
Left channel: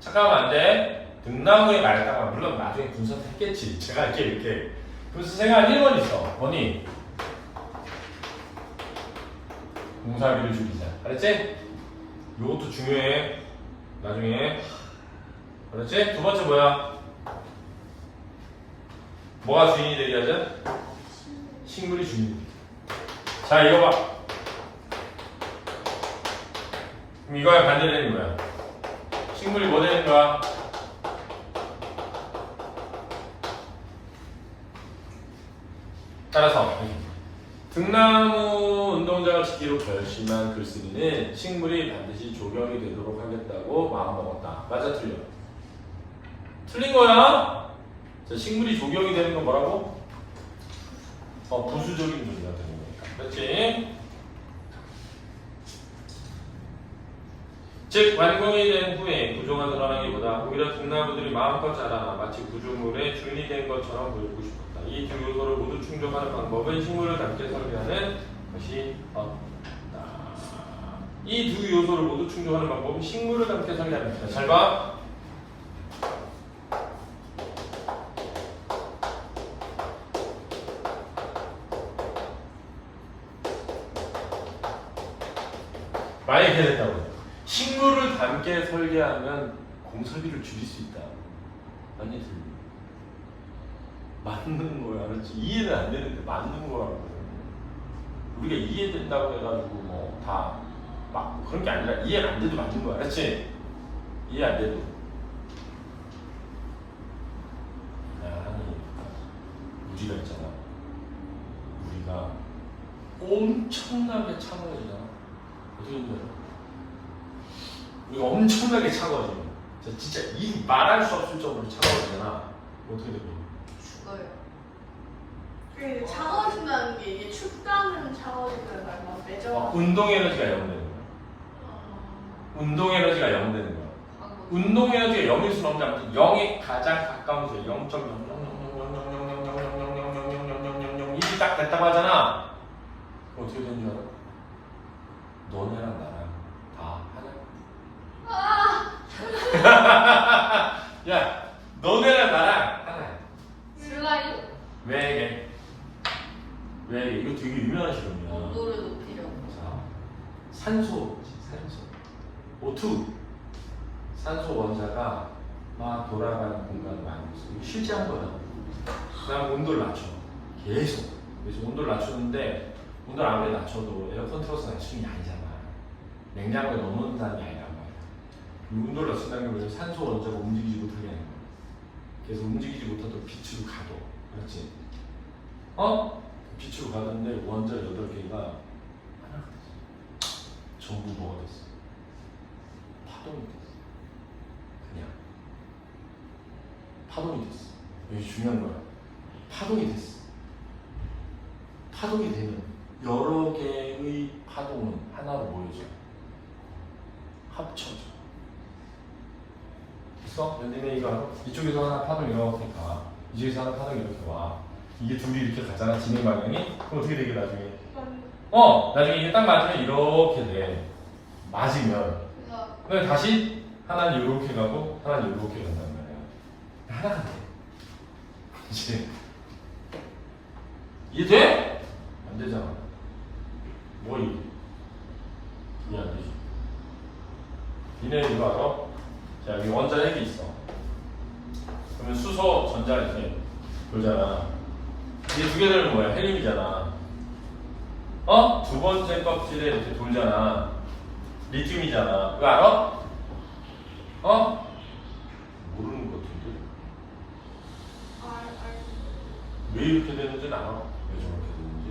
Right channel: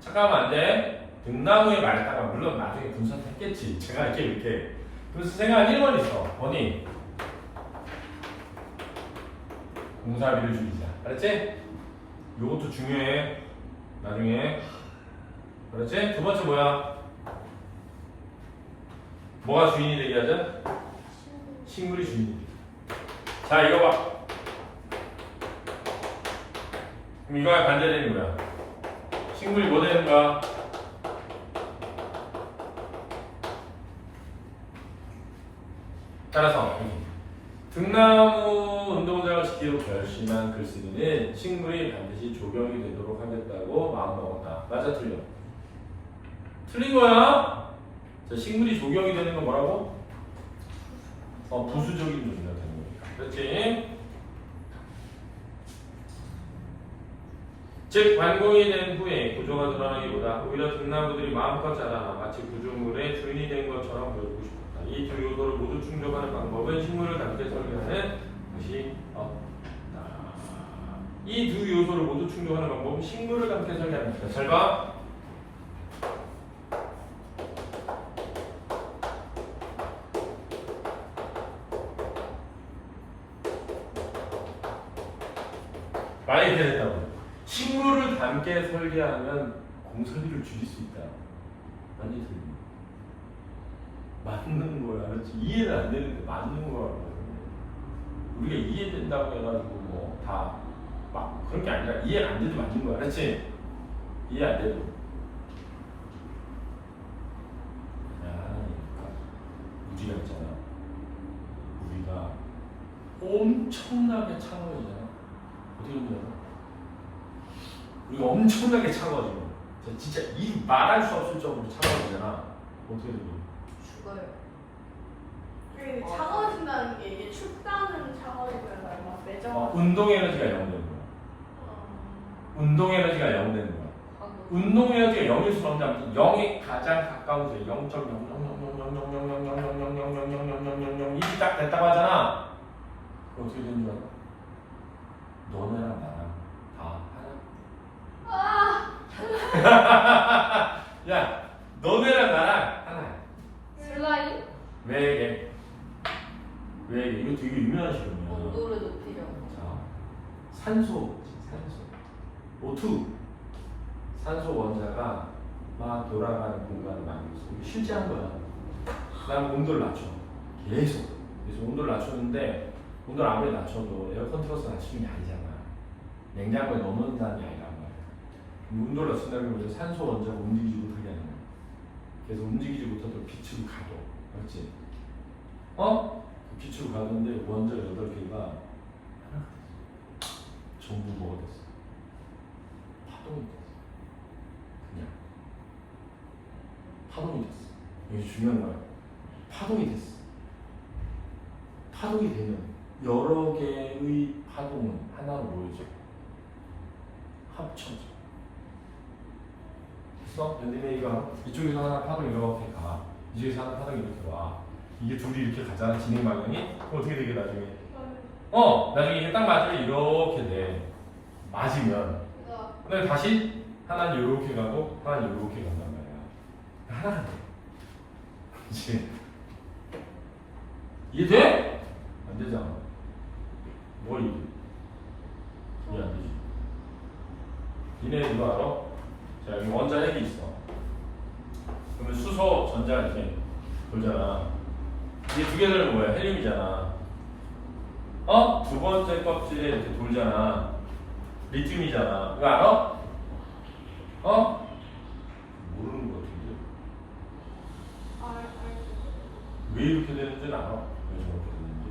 잠깐만 안 돼. 등나무에 말다가 물론 나중에 군수한테 했겠지. 제가 이렇게. 그래서 생각 1번 있어. 뭐니? 공사비를 줄이자. 알았지? 이것도 중요해. 나중에. 그렇지? 두 번째 뭐야? 뭐가 주인이 되게 하자? 식물이 주인이 되게. 자, 이거 봐. 그럼 이거야 반대되는 거야. 식물이 뭐 되는 거야? 따라서 등나무 운동장을 지키로 결심한 글쓴이는 식물이 반드시 조경이 되도록 하겠다고 마음먹었다. 맞아 틀려? 틀린 거야. 자, 식물이 조경이 되는 건 뭐라고? 부수적인 의미가 되는 거니까. 그렇지? 즉 완공이 된 후에 구조가 드러나기보다 오히려 등나무들이 마음껏 자라나 마치 구조물의 주인이 된 것처럼 보이고 싶었다. 이 두 요소를 모두 충족하는 방법은 식물을 함께 설계하는 것이 없다. 이 두 요소를 모두 충족하는 방법은 식물을 함께 설계하는 것이다. 잘 봐. 만약에 이렇게 됐다고. 식물을 함께 설계하면 공설비를 줄일 수 있다. 아니, 맞는 거야. 알았지? 이해는 안 되는데 맞는 거라고. 우리가 이해된다고 해가지고 뭐 다 막 그런 게 아니라 이해 안 돼도 맞는 거야. 알았지? 이해 안 돼도. 우리가 있잖아. 우리가 엄청나게 차가워지잖아. 어떻게 된 거야? 우리가 엄청나게 차가워져. 진짜 이 말할 수 없을 정도로 차가워지잖아. 어떻게 된 거야? 죽어요. 그 차가워진다는 게 이게 춥다는 차가워진다는 말만 매정. 운동 에너지가 0 되는 거야. 운동 에너지가 0 되는 거야. 운동 에너지가 0일 수는 없는데 아무튼 0에 가장 가까운 게 0.000000000000000000000 이게 딱 됐다고 하잖아. 어떻게 되는 줄 알아? 너네랑 나랑 다 하나. 야, 너네랑 나랑 하나야. 슬라임? 왜 이게? 왜 이게? 이거 되게 유명한 실험이야. 온도를 높이려고. 자, 산소. O2. 산소 원자가 막 돌아가는 공간을 많이 있어. 이거 실제 한 거야. 그다음 온도를 낮춰. 계속. 그래서 온도를 낮추는데 온도를 아무리 낮춰도 에어컨 틀어서 낮추는 게 아니잖아. 냉장고에 넣는다는 게 아니란 말이야. 온도를 낮춘다는 건 산소 원자를 움직이지 못하게 하는 거야. 그래서 움직이지 못하도록 빛으로 가둬. 그렇지? 빛으로 가는데 원자 8개가 하나 전부 뭐가 됐어? 파동이 됐어. 그냥 파동이 됐어. 여기 중요한 거야. 파동이 됐어. 파동이 되면 여러 개의 파동은 하나로 모여져. 합쳐져. 그래서 연디메이가 이쪽에서 하나 파동 이렇게 가. 이쪽에서 하나 파동 이렇게 와. 이게 둘이 이렇게 가잖아. 진행 방향이. 그럼 어떻게 되게 나중에? 나중에 이게 딱 맞으면 이렇게 돼. 맞으면. 그다음에 다시 하나는 이렇게 가고 하나는 이렇게 간단 말이야. 하나가 돼. 이제 이해돼? 안 되잖아. 뭐 이해? 이해 안 되지. 니네 이거 알아? 자, 여기 원자 핵이 있어. 그러면 수소, 전자 이렇게 돌잖아. 이게 두 개 되는 뭐야? 헬륨이잖아. 두 번째 껍질에 이렇게 돌잖아. 리튬이잖아. 이거 알아? 모르는 것 같은데. 왜 이렇게 되는지는 알아? 왜 저렇게 되는지?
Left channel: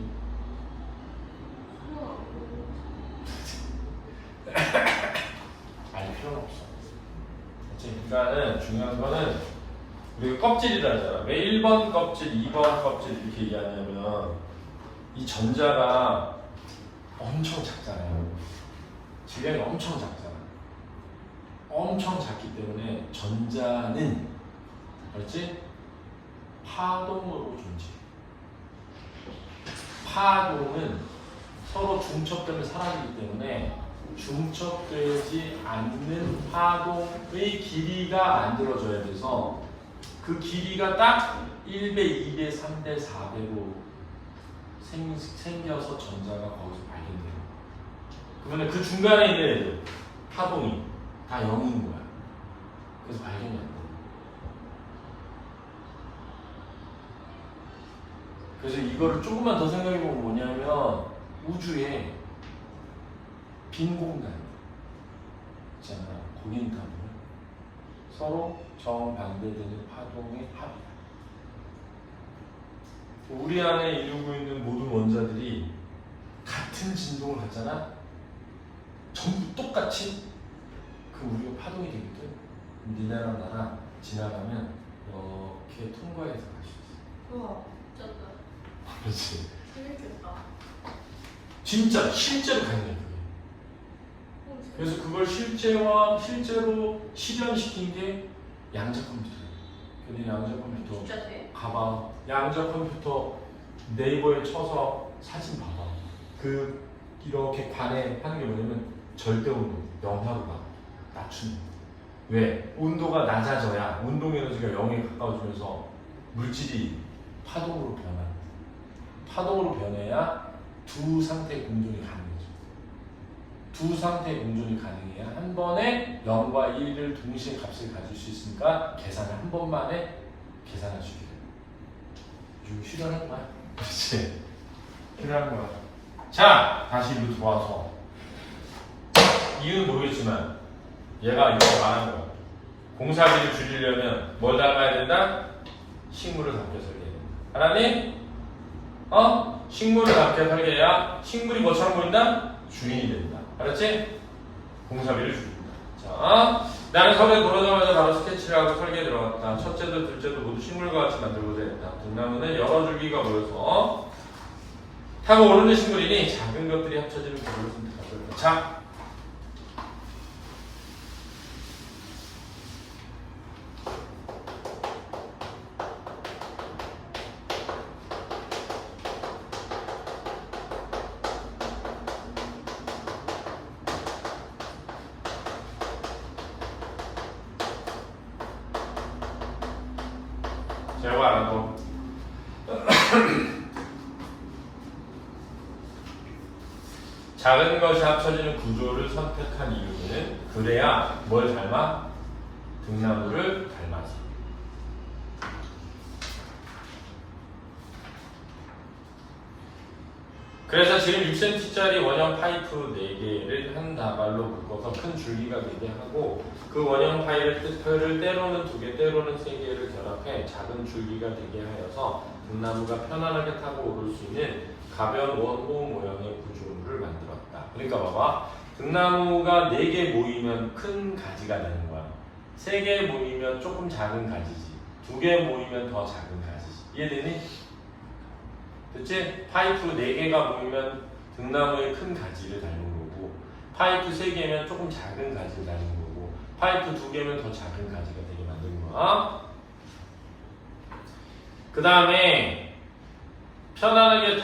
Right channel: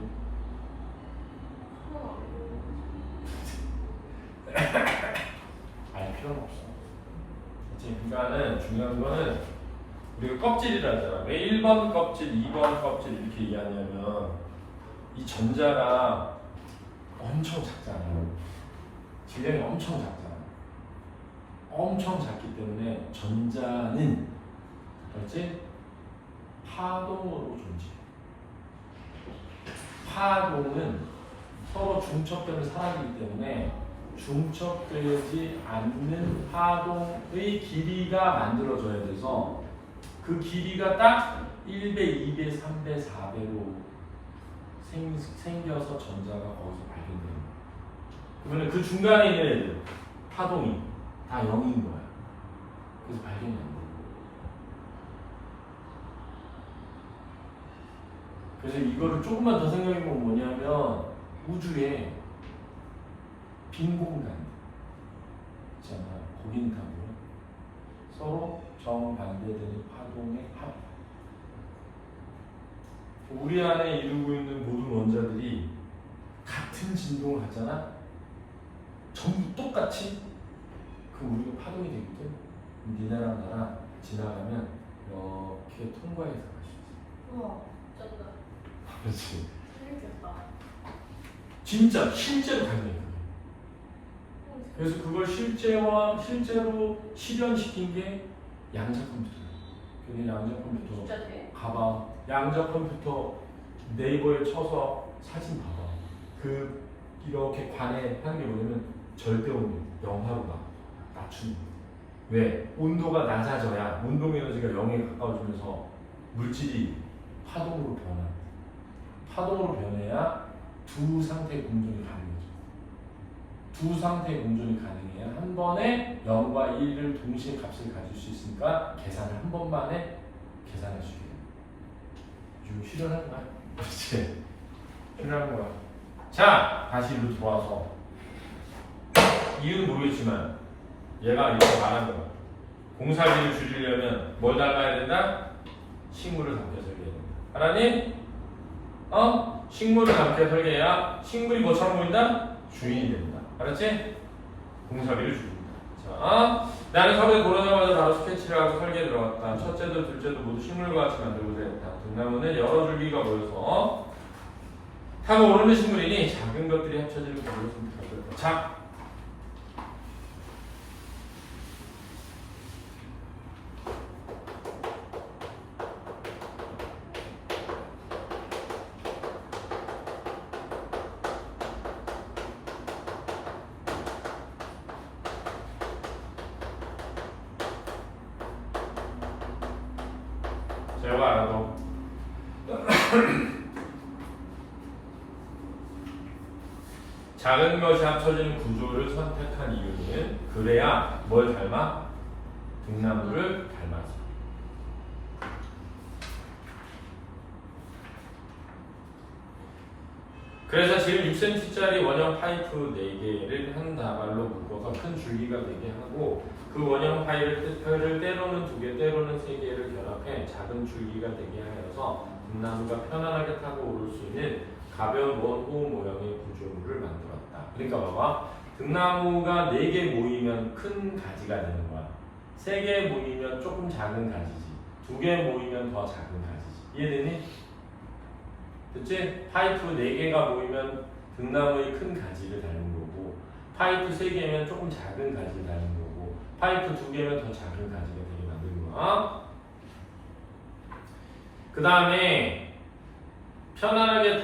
알 필요는 없어. 그치? 그러니까는 중요한 거는 우리가 껍질이라 하잖아. 왜 1번 껍질, 2번 껍질 이렇게 얘기하냐면 이 전자가 엄청 작잖아요. 질량이 엄청 작잖아. 엄청 작기 때문에 전자는 알지? 파동으로 존재해. 파동은 서로 중첩되면 사라지기 때문에 중첩되지 않는 파동의 길이가 만들어져야 돼서 그 길이가 딱 1배, 2배, 3배, 4배로 생겨서 전자가 거기서 발견되는 거야. 그러면 그 중간에 있는 애들 파동이 다 0인 거야. 그래서 발견이 안 돼. 그래서 이거를 조금만 더 생각해보면 뭐냐면 우주에 빈 공간 있잖아. 거기는 다 뭐야? 서로 정반대되는 파동의 합. 우리 안에 이루고 있는 모든 원자들이 같은 진동을 갖잖아. 전부 똑같이. 그럼 우리가 파동이 되거든. 니네랑 나랑 지나가면 이렇게 통과해서 갈 수 있어. 우와, 미쳤다. 그렇지. 재밌겠다. 진짜 실제로 가능한 거예요. 그래서 그걸 실제로 실현시킨 게 양자 컴퓨터예요. 근데 양자 컴퓨터 진짜 돼? 가방 양자 컴퓨터 네이버에 쳐서 사진 봐봐. 이렇게 관에 하는 게 뭐냐면 절대 온도 영하로 낮추는. 왜? 온도가 낮아져야 운동 에너지가 0에 가까워지면서 물질이 파동으로 변한다. 파동으로 변해야 두 상태의 공존이 가능해져. 두 상태의 공존이 가능해야 한 번에 0과 1을 동시에 값을 가질 수 있으니까 계산을 한 번만에 계산할 수 있게 됩니다. 이거 실현한 거야. 그렇지? 실현한 거야. 자, 다시 이리로 돌아와서 이유는 모르겠지만 얘가 이렇게 말한 거야. 공사비를 줄이려면 뭘 닮아야 된다? 식물을 닮게 설계해야 된다. 알았니? 식물을 닮게 설계해야 식물이 뭐처럼 보인다? 주인이 된다. 알았지? 공사비를 줄인다. 자, 나는 서울에 돌아다니면서 바로 스케치를 하고 설계에 들어갔다. 첫째도 둘째도 모두 식물과 같이 만들고자 했다. 등나무는 여러 줄기가 모여서 타고 오르는 식물이니 작은 것들이 합쳐지는 구조를 선택할 거다. 자, 제가 알아도 작은 것이 합쳐지는 구조를 선택한 이유는 그래야 뭘 닮아? 등나무를 닮아서. 그래서 지금 6cm짜리 원형 파이프 4개를 한 다발로 묶어서 큰 줄기가 되게 하고 그 원형 파이프를 때로는 2개, 때로는 3개를 결합해 작은 줄기가 되게 하여서 등나무가 편안하게 타고 오를 수 있는 가벼운 원호 모형의 구조물을 만들었다. 그러니까 봐봐. 등나무가 4개 모이면 큰 가지가 되는 거야. 3개 모이면 조금 작은 가지지. 2개 모이면 더 작은 가지지. 이해되니? 됐지? 파이프 4개가 모이면 등나무의 큰 가지를 닮은 거고 파이프 3개면 조금 작은 가지를 닮은 거고 파이프 2개면 더 작은 가지가 되게 만드는 거야. 그 다음에 편안하게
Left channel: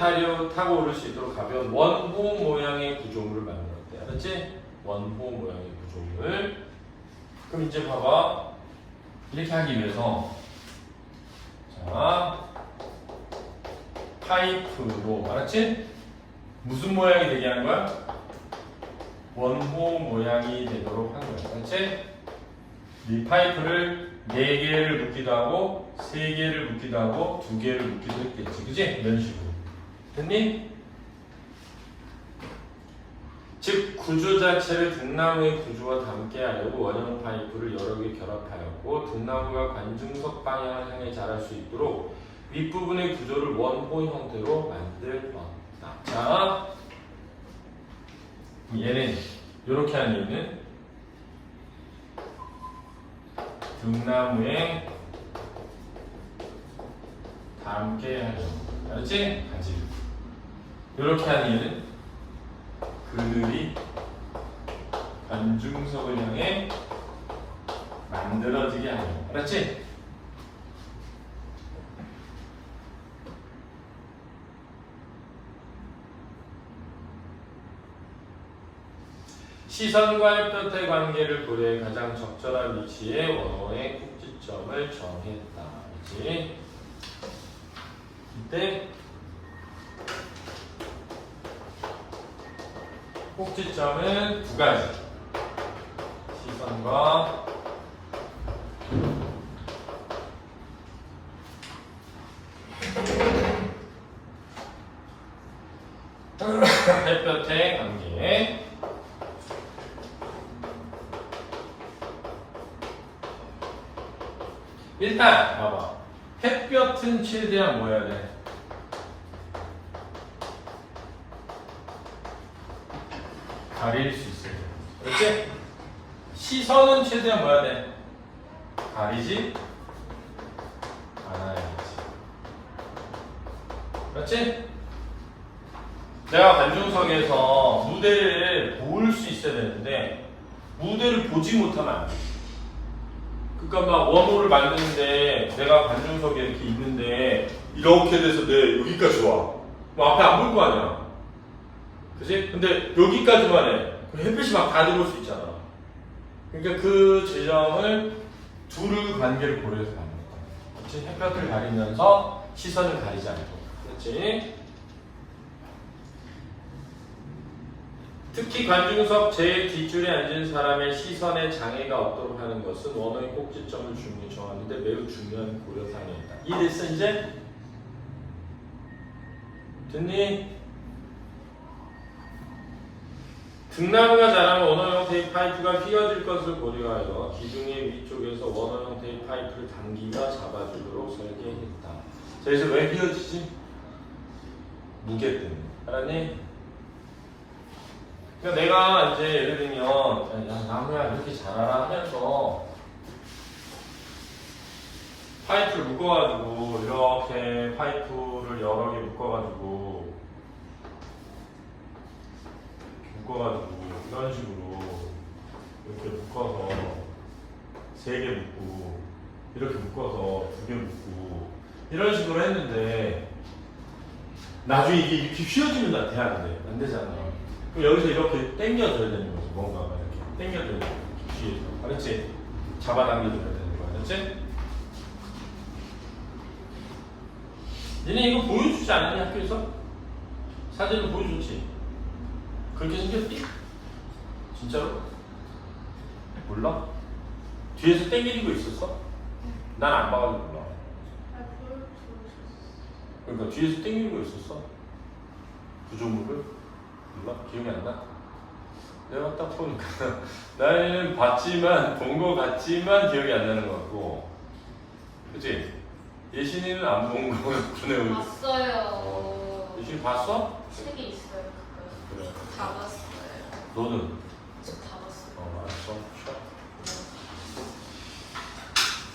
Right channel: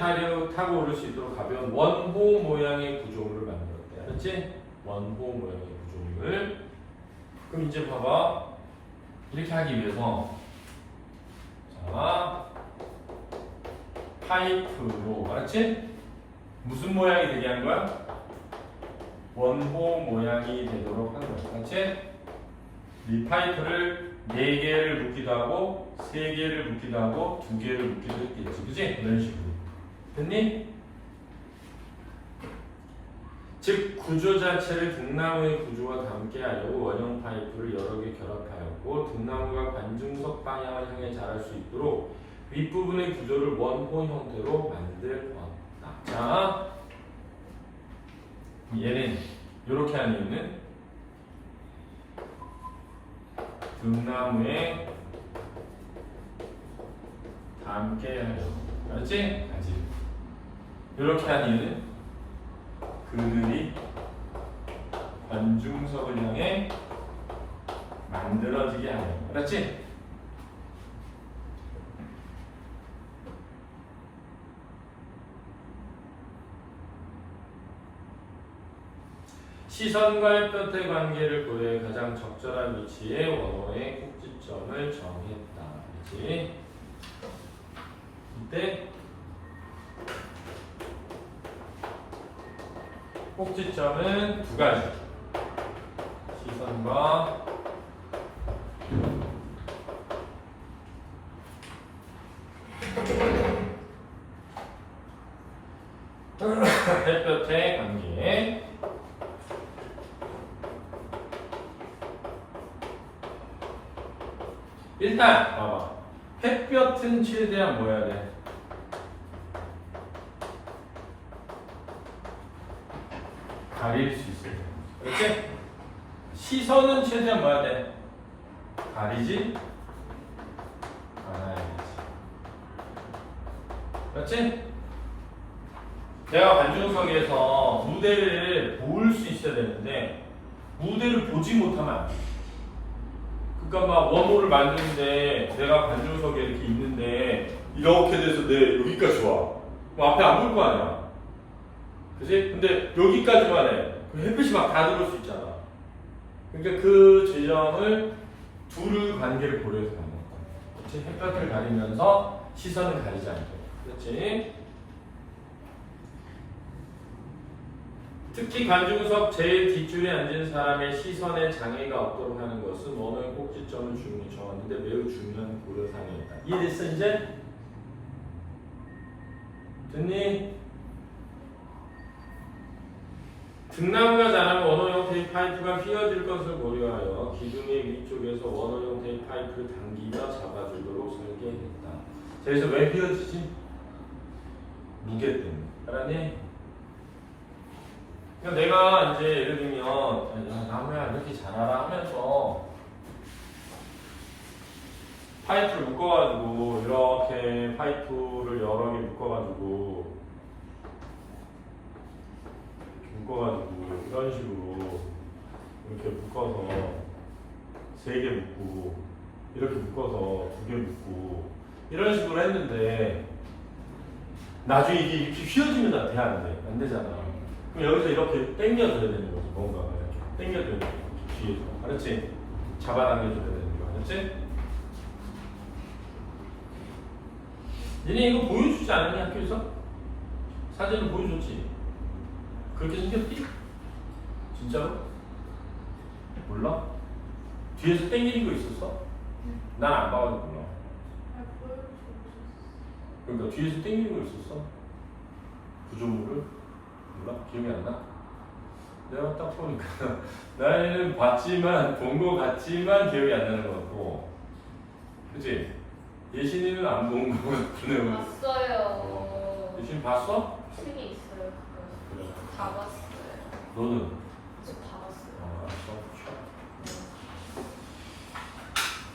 타고 오를 수 있도록 가벼운 원호 모양의 구조물을 만들었대. 알았지? 원호 모양의 구조물. 그럼 이제 봐봐. 이렇게 하기 위해서 자 파이프로 알았지? 무슨 모양이 되게 하는 거야? 원호 모양이 되도록 하는 거야. 알았지? 이 파이프를 4개를 묶기도 하고 3개를 묶기도 하고 2개를 묶기도 했겠지. 그치? 이런 식으로. 됐니? 즉 구조 자체를 등나무의 구조와 닮게 하려고 원형 파이프를 여러 개 결합하였고 등나무가 관중석 방향을 향해 자랄 수 있도록 윗부분의 구조를 원호 형태로 만들었다. 자, 얘는 이렇게 하는 얘는 등나무에 닮게 하려고. 알았지? 가지를. 이렇게 하는 얘는 그늘이 관중석을 향해 만들어지게 하려고. 알았지? 시선과 햇볕의 관계를 고려해 가장 적절한 위치에 원호의 꼭지점을 정했다. 그렇지? 이때 꼭지점은 2가지. 시선과 햇볕의 관계. 일단 봐봐. 햇볕은 최대한 뭐 해야 돼? 가릴 수 있어야 돼. 그렇지? 시선은 최대한 뭐 해야 돼? 가리지 않아야지. 그렇지? 내가 관중석에서 무대를 볼 수 있어야 되는데 무대를 보지 못하면 안 돼. 그러니까 막 원호를 만드는데 내가 관중석에 이렇게 있는데 이렇게 돼서 내 여기까지 와. 뭐 앞에 안 보일 거 아니야. 그치? 근데 여기까지만 해. 그럼 햇빛이 막 다 들어올 수 있잖아. 그러니까 그 지점을 둘의 관계를 고려해서 만든 거야. 그치? 햇볕을 가리면서 시선을 가리지 않고. 그렇지? 특히 관중석 제일 뒷줄에 앉은 사람의 시선에 장애가 없도록 하는 것은 원어의 꼭지점을 주문이 정하는데 매우 중요한 고려사항이다. 이해됐어 이제? 됐니? 등나무가 자라면 원어용 테이프 파이프가 휘어질 것을 고려하여 기둥의 위쪽에서 원어용 테이프 파이프를 당기며 잡아주도록 설계했다. 자, 그래서 왜 휘어지지? 무게 때문에. 알았니? 그러니까 내가 이제 예를 들면 야 나무야 이렇게 자라라 하면서 파이프를 묶어가지고 이렇게 파이프를 여러 개 묶어가지고 이런 식으로 이렇게 묶어서 3개 묶고 이렇게 묶어서 2개 묶고 이런 식으로 했는데 나중에 이게 이렇게 휘어지면 돼야 안 되잖아. 그럼 여기서 이렇게 당겨줘야 되는 거지. 뭔가가 이렇게 당겨줘야 되는 거지. 뒤에서. 알았지? 잡아당겨줘야 되는 거야. 알았지? 니네 이거 보여주지 않았니 학교에서? 사진은 보여줬지? 그렇게 생겼지? 진짜로? 몰라? 뒤에서 당기는 거 있었어? 난 안 봐가지고 몰라. 그러니까 뒤에서 당기는 거 있었어? 구조물을? 몰라? 기억이 안 나? 내가 딱 보니까 나는 봤지만 본 거 같지만 기억이 안 나는 것 같고 그치? 예신이는 안 본 거 같네. 봤어요. 예신이 봤어? 책에 있어요. 그래. 다 봤어요. 너는? 저 다 봤어요. 알았어.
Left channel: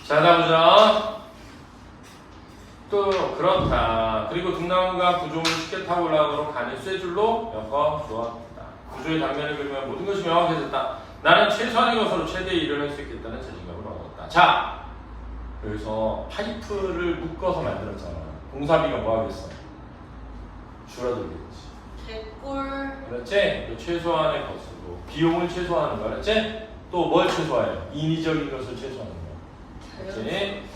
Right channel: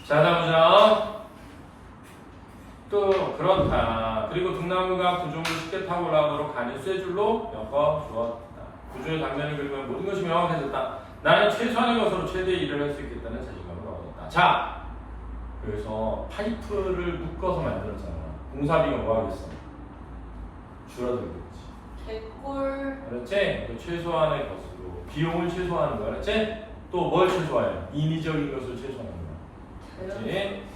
자, 다음 보자. 또 그렇다. 그리고 등나무가 구조물을 쉽게 타고 올라가도록 간이 쇠줄로 엮어 주었다. 구조의 단면을 기울이면 모든 것이 명확해졌다. 나는 최소한의 것으로 최대의 일을 할 수 있겠다는 자신감을 얻었다. 자, 여기서 파이프를 묶어서 만들었잖아. 공사비가 뭐 하겠어? 줄어들겠지. 개꿀. 그렇지? 그 최소한의 것으로 비용을 최소화하는 거야. 그렇지? 또 뭘 최소화해? 인위적인 것을 최소화하는 거야. 그렇지?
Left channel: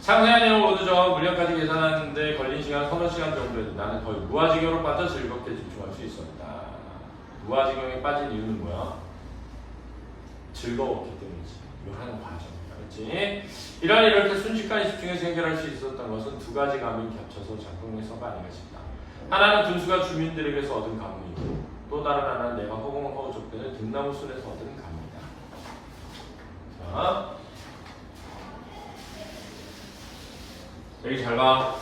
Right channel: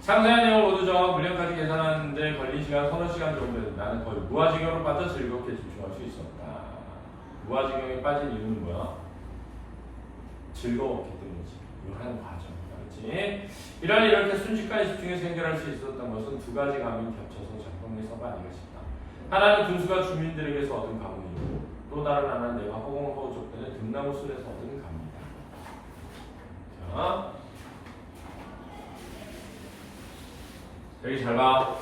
상세한 내용을 모두 정하고 물량까지 계산하는데 걸린 시간 서너 시간 정도였는데 나는 거의 무아지경으로 빠져 즐겁게 집중할 수 있었다. 무아지경에 빠진 이유는 뭐야? 즐거웠기 때문이지. 이걸 하는 과정. 알았지? 이렇게 순식간에 집중해서 해결할 수 있었던 것은 두 가지 감이 겹쳐서 작동해서가 아닌가 싶다. 하나는 군수가 주민들에게서 얻은 감이고 또 다른 하나는 내가 허공허 족되는 등나무 숲에서 얻은 감이다. 자, 여기 잘 봐.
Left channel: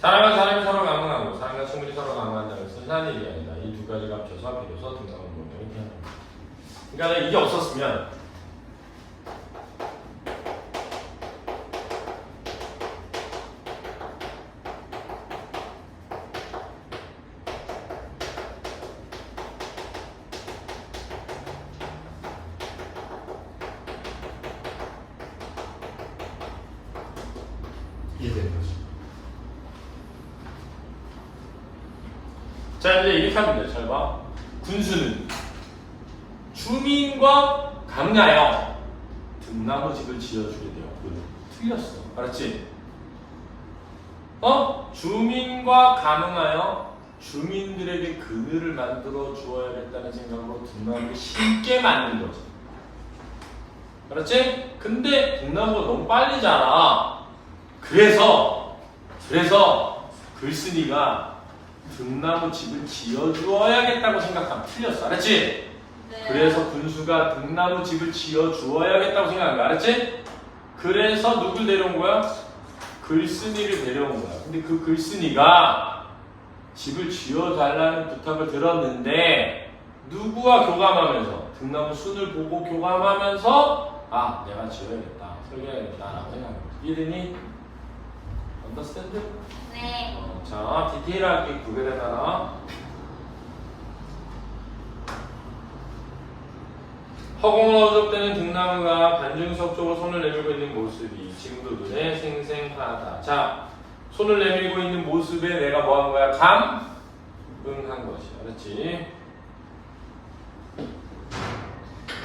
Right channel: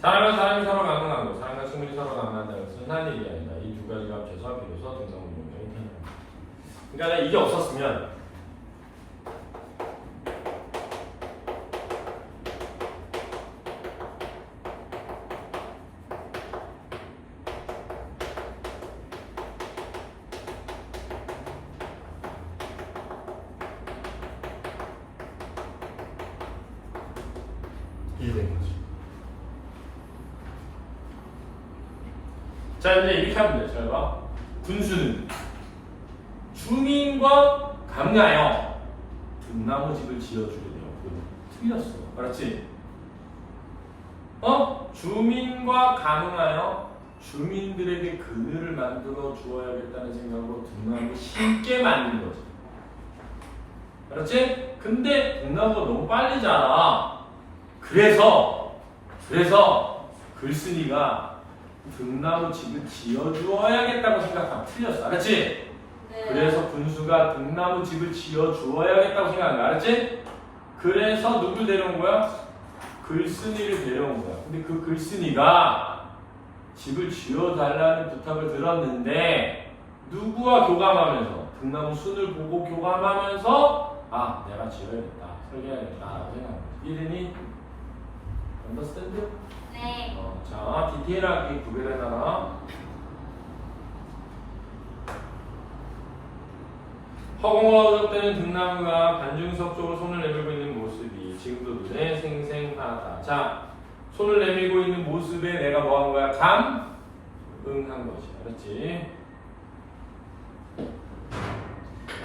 사람이 서로 강문하고 사람과 식물이 서로 강문한다는 것은 흔한 일이 아니다. 이 두 가지가 합쳐서 비로소 등나무 문명이 태어난다. 그러니까 이게 없었으면 이게 되는 거지. 자, 이제 이렇게 하면 돼. 잘 봐. 군수는 주민과 강하여 등나무 집을 지어주게 되었고 틀렸어. 알았지? 주민과 가능하여 주민들에게 그늘을 만들어 주어야겠다는 생각으로 등나무를 심게 만든 거지. 알았지? 근데 등나무가 너무 빨리 자라. 그래서 글쓴이가 등나무 집을 지어주어야겠다고 생각하면 틀렸어. 알았지? 네. 그래서 군수가 등나무 집을 지어주어야겠다고 생각한 거야. 알았지? 그래서 누구 데려온 거야? 글쓴이를 데려온 거야. 근데 그 글쓴이가 집을 지어달라는 부탁을 들었는데 누구와 교감하면서 등나무 순을 보고 교감하면서 아 내가 지어야겠다 설계해야겠다 라고 생각해요. 이해되니? understand? 네. 자 디테일하게 구별해놔라. 허공을 어접대는 등나무가 반중석 쪽으로 손을 내밀고 있는 모습이 지금도 눈에 생생하다. 자, 손을 내밀고 있는 모습에 내가 뭐 하는 거야? 감응한 것이. 알았지?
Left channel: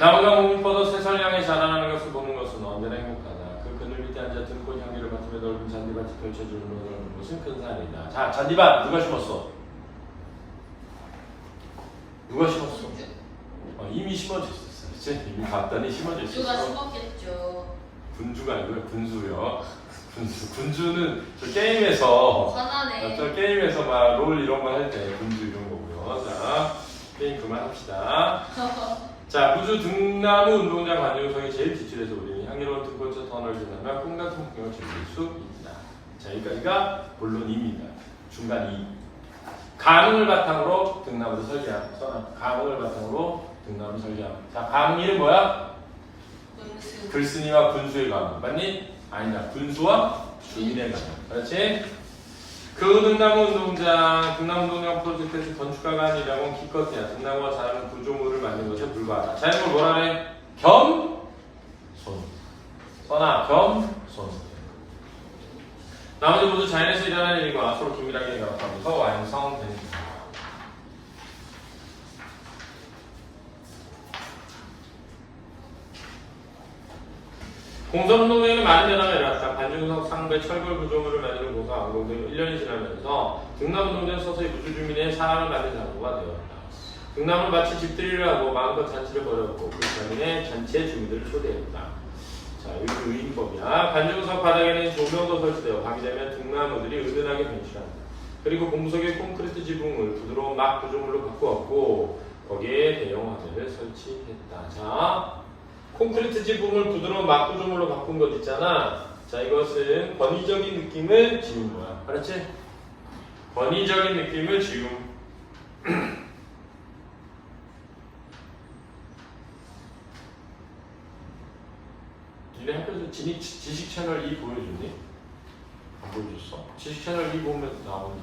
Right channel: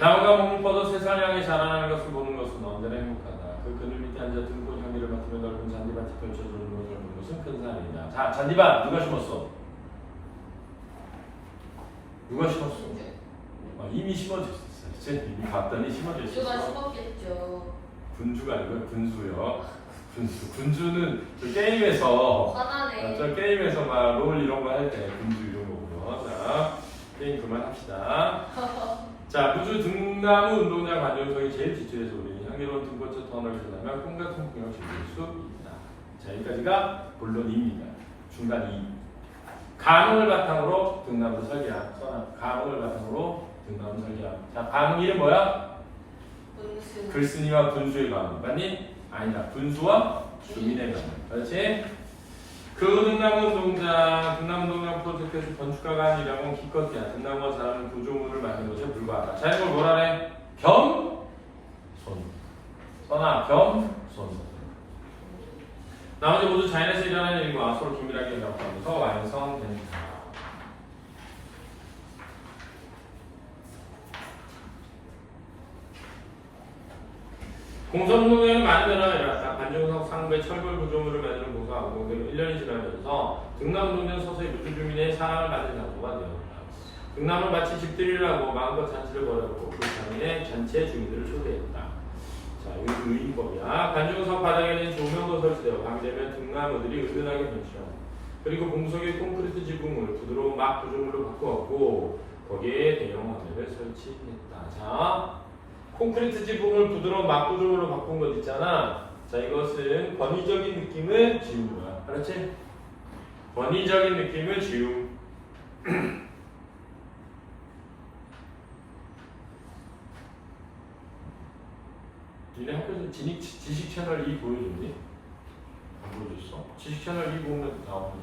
나무가 몸이 뻗어 새살 향해 자라나는 것을 보는 것은 언제나 행복하다. 그 그늘 밑에 앉아 들꽃 향기를 맡으며 넓은 잔디밭이 펼쳐지는 것은 큰 산이다. 자, 잔디밭 누가 심었어? 누가 심었어? 이미 심어져 있었어. 이미 봤더니 심어져 있었어. 주가 죽었겠죠. 분주가 아니고요. 분수요. 분주는 저 게임에서 화나네. 저 게임에서 막 롤 이런 거 할 때 분주 이런 거고요. 자, 게임 그만합시다. 자, 부주 등나무 운동장 관중석이 제일 뒷줄에서 우리는 향기로운 등꽃의 터널을 지나며 꿈같은 풍경을 즐길 수 있다. 자, 여기까지가 본론입니다. 중간 2. 감흥을 바탕으로 등나무 설계함. 감흥을 바탕으로 등나무 설계함. 자, 감흥이는 뭐야? 분수. 글쓴이와 분수의 감흥. 맞니? 아니다. 분수와 주민의 감흥. 그렇지? 그 등나무 운동장 프로젝트에서 건축가가 아니라면 기껏해야 등나무가 자라는 구조물을 만든 것에 불과하다. 자, 이걸 뭐라네? 겸손. 써나 겸손. 나머지 모두 자연에서 일어나는 일과 서로 긴밀하게 연합하면서 완성됩니다. 공선운동에는 많은 변화가 일어났다. 반중석 상배 철골 구조물을 만드는 고소 안공들이 1년이 지나면서 등남운동장 서서히 무주주민의 사랑을 받는 장소가 되었다. 등남은 마치 집들이라고 마음껏 잔치를 벌였고 그 장에 잔치의 주민들을 초대했다. 자, 이거 유인법이야. 반중석 바닥에는 조명도 설치되어 밤되면 등나무들이 은은하게 변신한다. 그리고 공석의 콘크리트 지붕을 부드러운 막 구조물로 바꾸었고 거기에 대형 화면을 설치했다. 자, 콘크리트 지붕을 부드러운 막 구조물로 바꾼 것 있잖아. 자, 이것은 권위적인 느낌을 지운 거야. 그렇지? 권위적인 느낌을 지움. 니네 학교에서 지식 채널 2 보여줬니? 안 보여줬어? 지식 채널 2 보면 나오니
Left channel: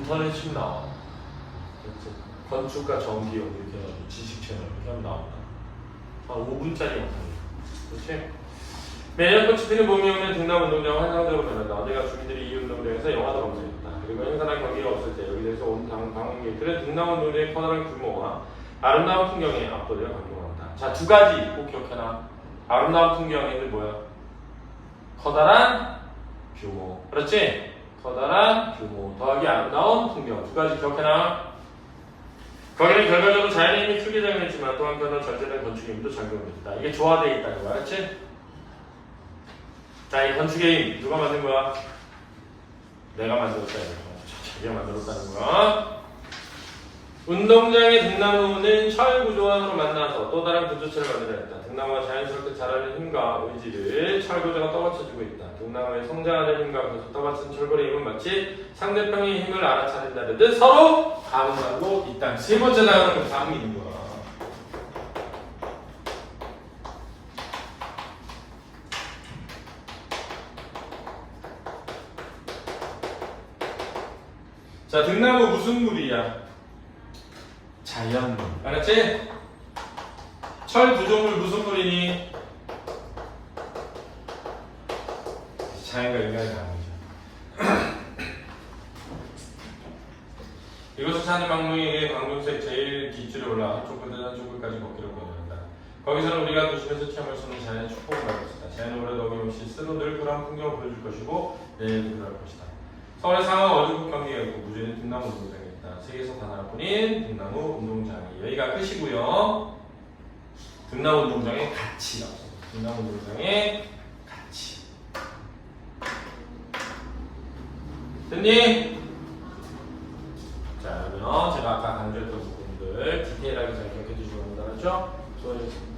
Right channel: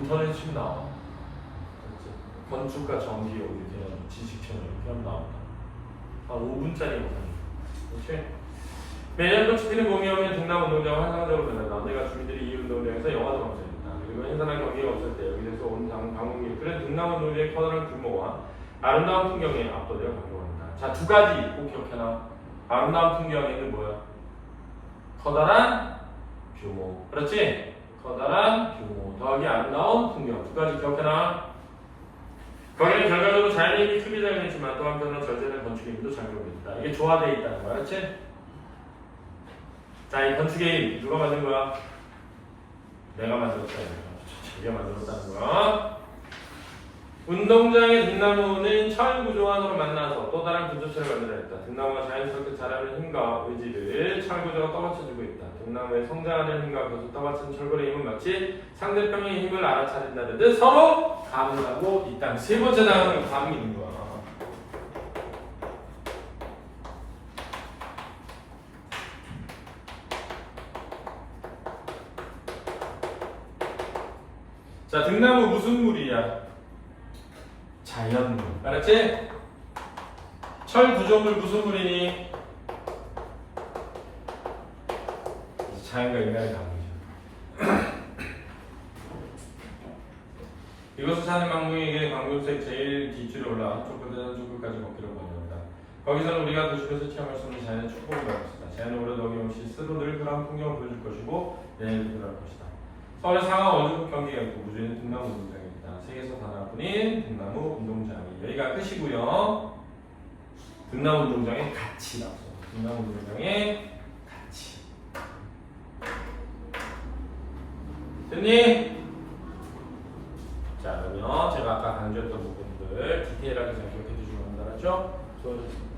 인터넷 심 나와. 건축과 전기 이렇게 지식 채널 이렇게 하면 나온다. 한 5분짜리 영상. 그렇지? 매년 꽃이 피는 봄이 오면 등남 운동장 환상적으로 변한다. 내가 주민들이 이 운동장에서 영화도 감상했다. 그리고 행사랑 경기가 없을 때 여기에서 온 방문객들은 등남 운동장의 커다란 규모와 아름다운 풍경에 압도되어 감동한다. 자, 두 가지 꼭 기억해놔. 아름다운 풍경에는 뭐야? 커다란 규모. 그렇지? 커다란 규모 더하기 아름다운 풍경. 두 가지 기억해놔. 거기는 결과적으로 자연의 힘이 크게 작용했지만 또 한편으로 절제된 건축의 힘도 작용했다. 이게 조화되어 있다는 거야. 그렇지? 자, 이 건축의 힘 누가 만든 거야? 내가 만들었다는 거야. 자기가 만들었다는 거야. 운동장의 등나무는 철 구조원으로 만나서 또 다른 구조체를 만들어야 했다. 등나무가 자연스럽게 자라는 힘과 의지를 철 구조가 떠받쳐주고 있다. 등나무의 성장하는 힘과 그것을 떠받치는 철골의 힘은 마치 상대방의 힘을 알아차린다는 서로 감을 하고 있다. 세 번째 단어는 감인 거야. 자, 등나무 무슨 물이야? 자연물. 알았지? 철 구조물 무슨 물이니? 자연과 인간의 관계죠. 이곳을 사는 망둥이에게 광둥색 제일 뒷줄에 올라 한쪽부터 한쪽까지 걷기를 권한다. 거기서는 우리가 도심에서 체험할 수 있는 자연의 축복을 받을 것이다. 자연은 오래도 어김없이 스스로 늘 그러한 풍경을 보여줄 것이고 내일도 그럴 것이다. 서울의 상하 어린이집 경기가 있고 무주는 등나무 운동장이 있다. 세계에서 단 하나뿐인 등나무 운동장이 여기가 끝이고요. 등나무 운동장의 가치 나왔어요. 등나무 운동장의 가치. 됐니? 자, 그러면 제가 아까 강조했던 부분들 디테일하게 잘 기억해 주시기 바랍니다. 알았죠? 수고하셨습니다.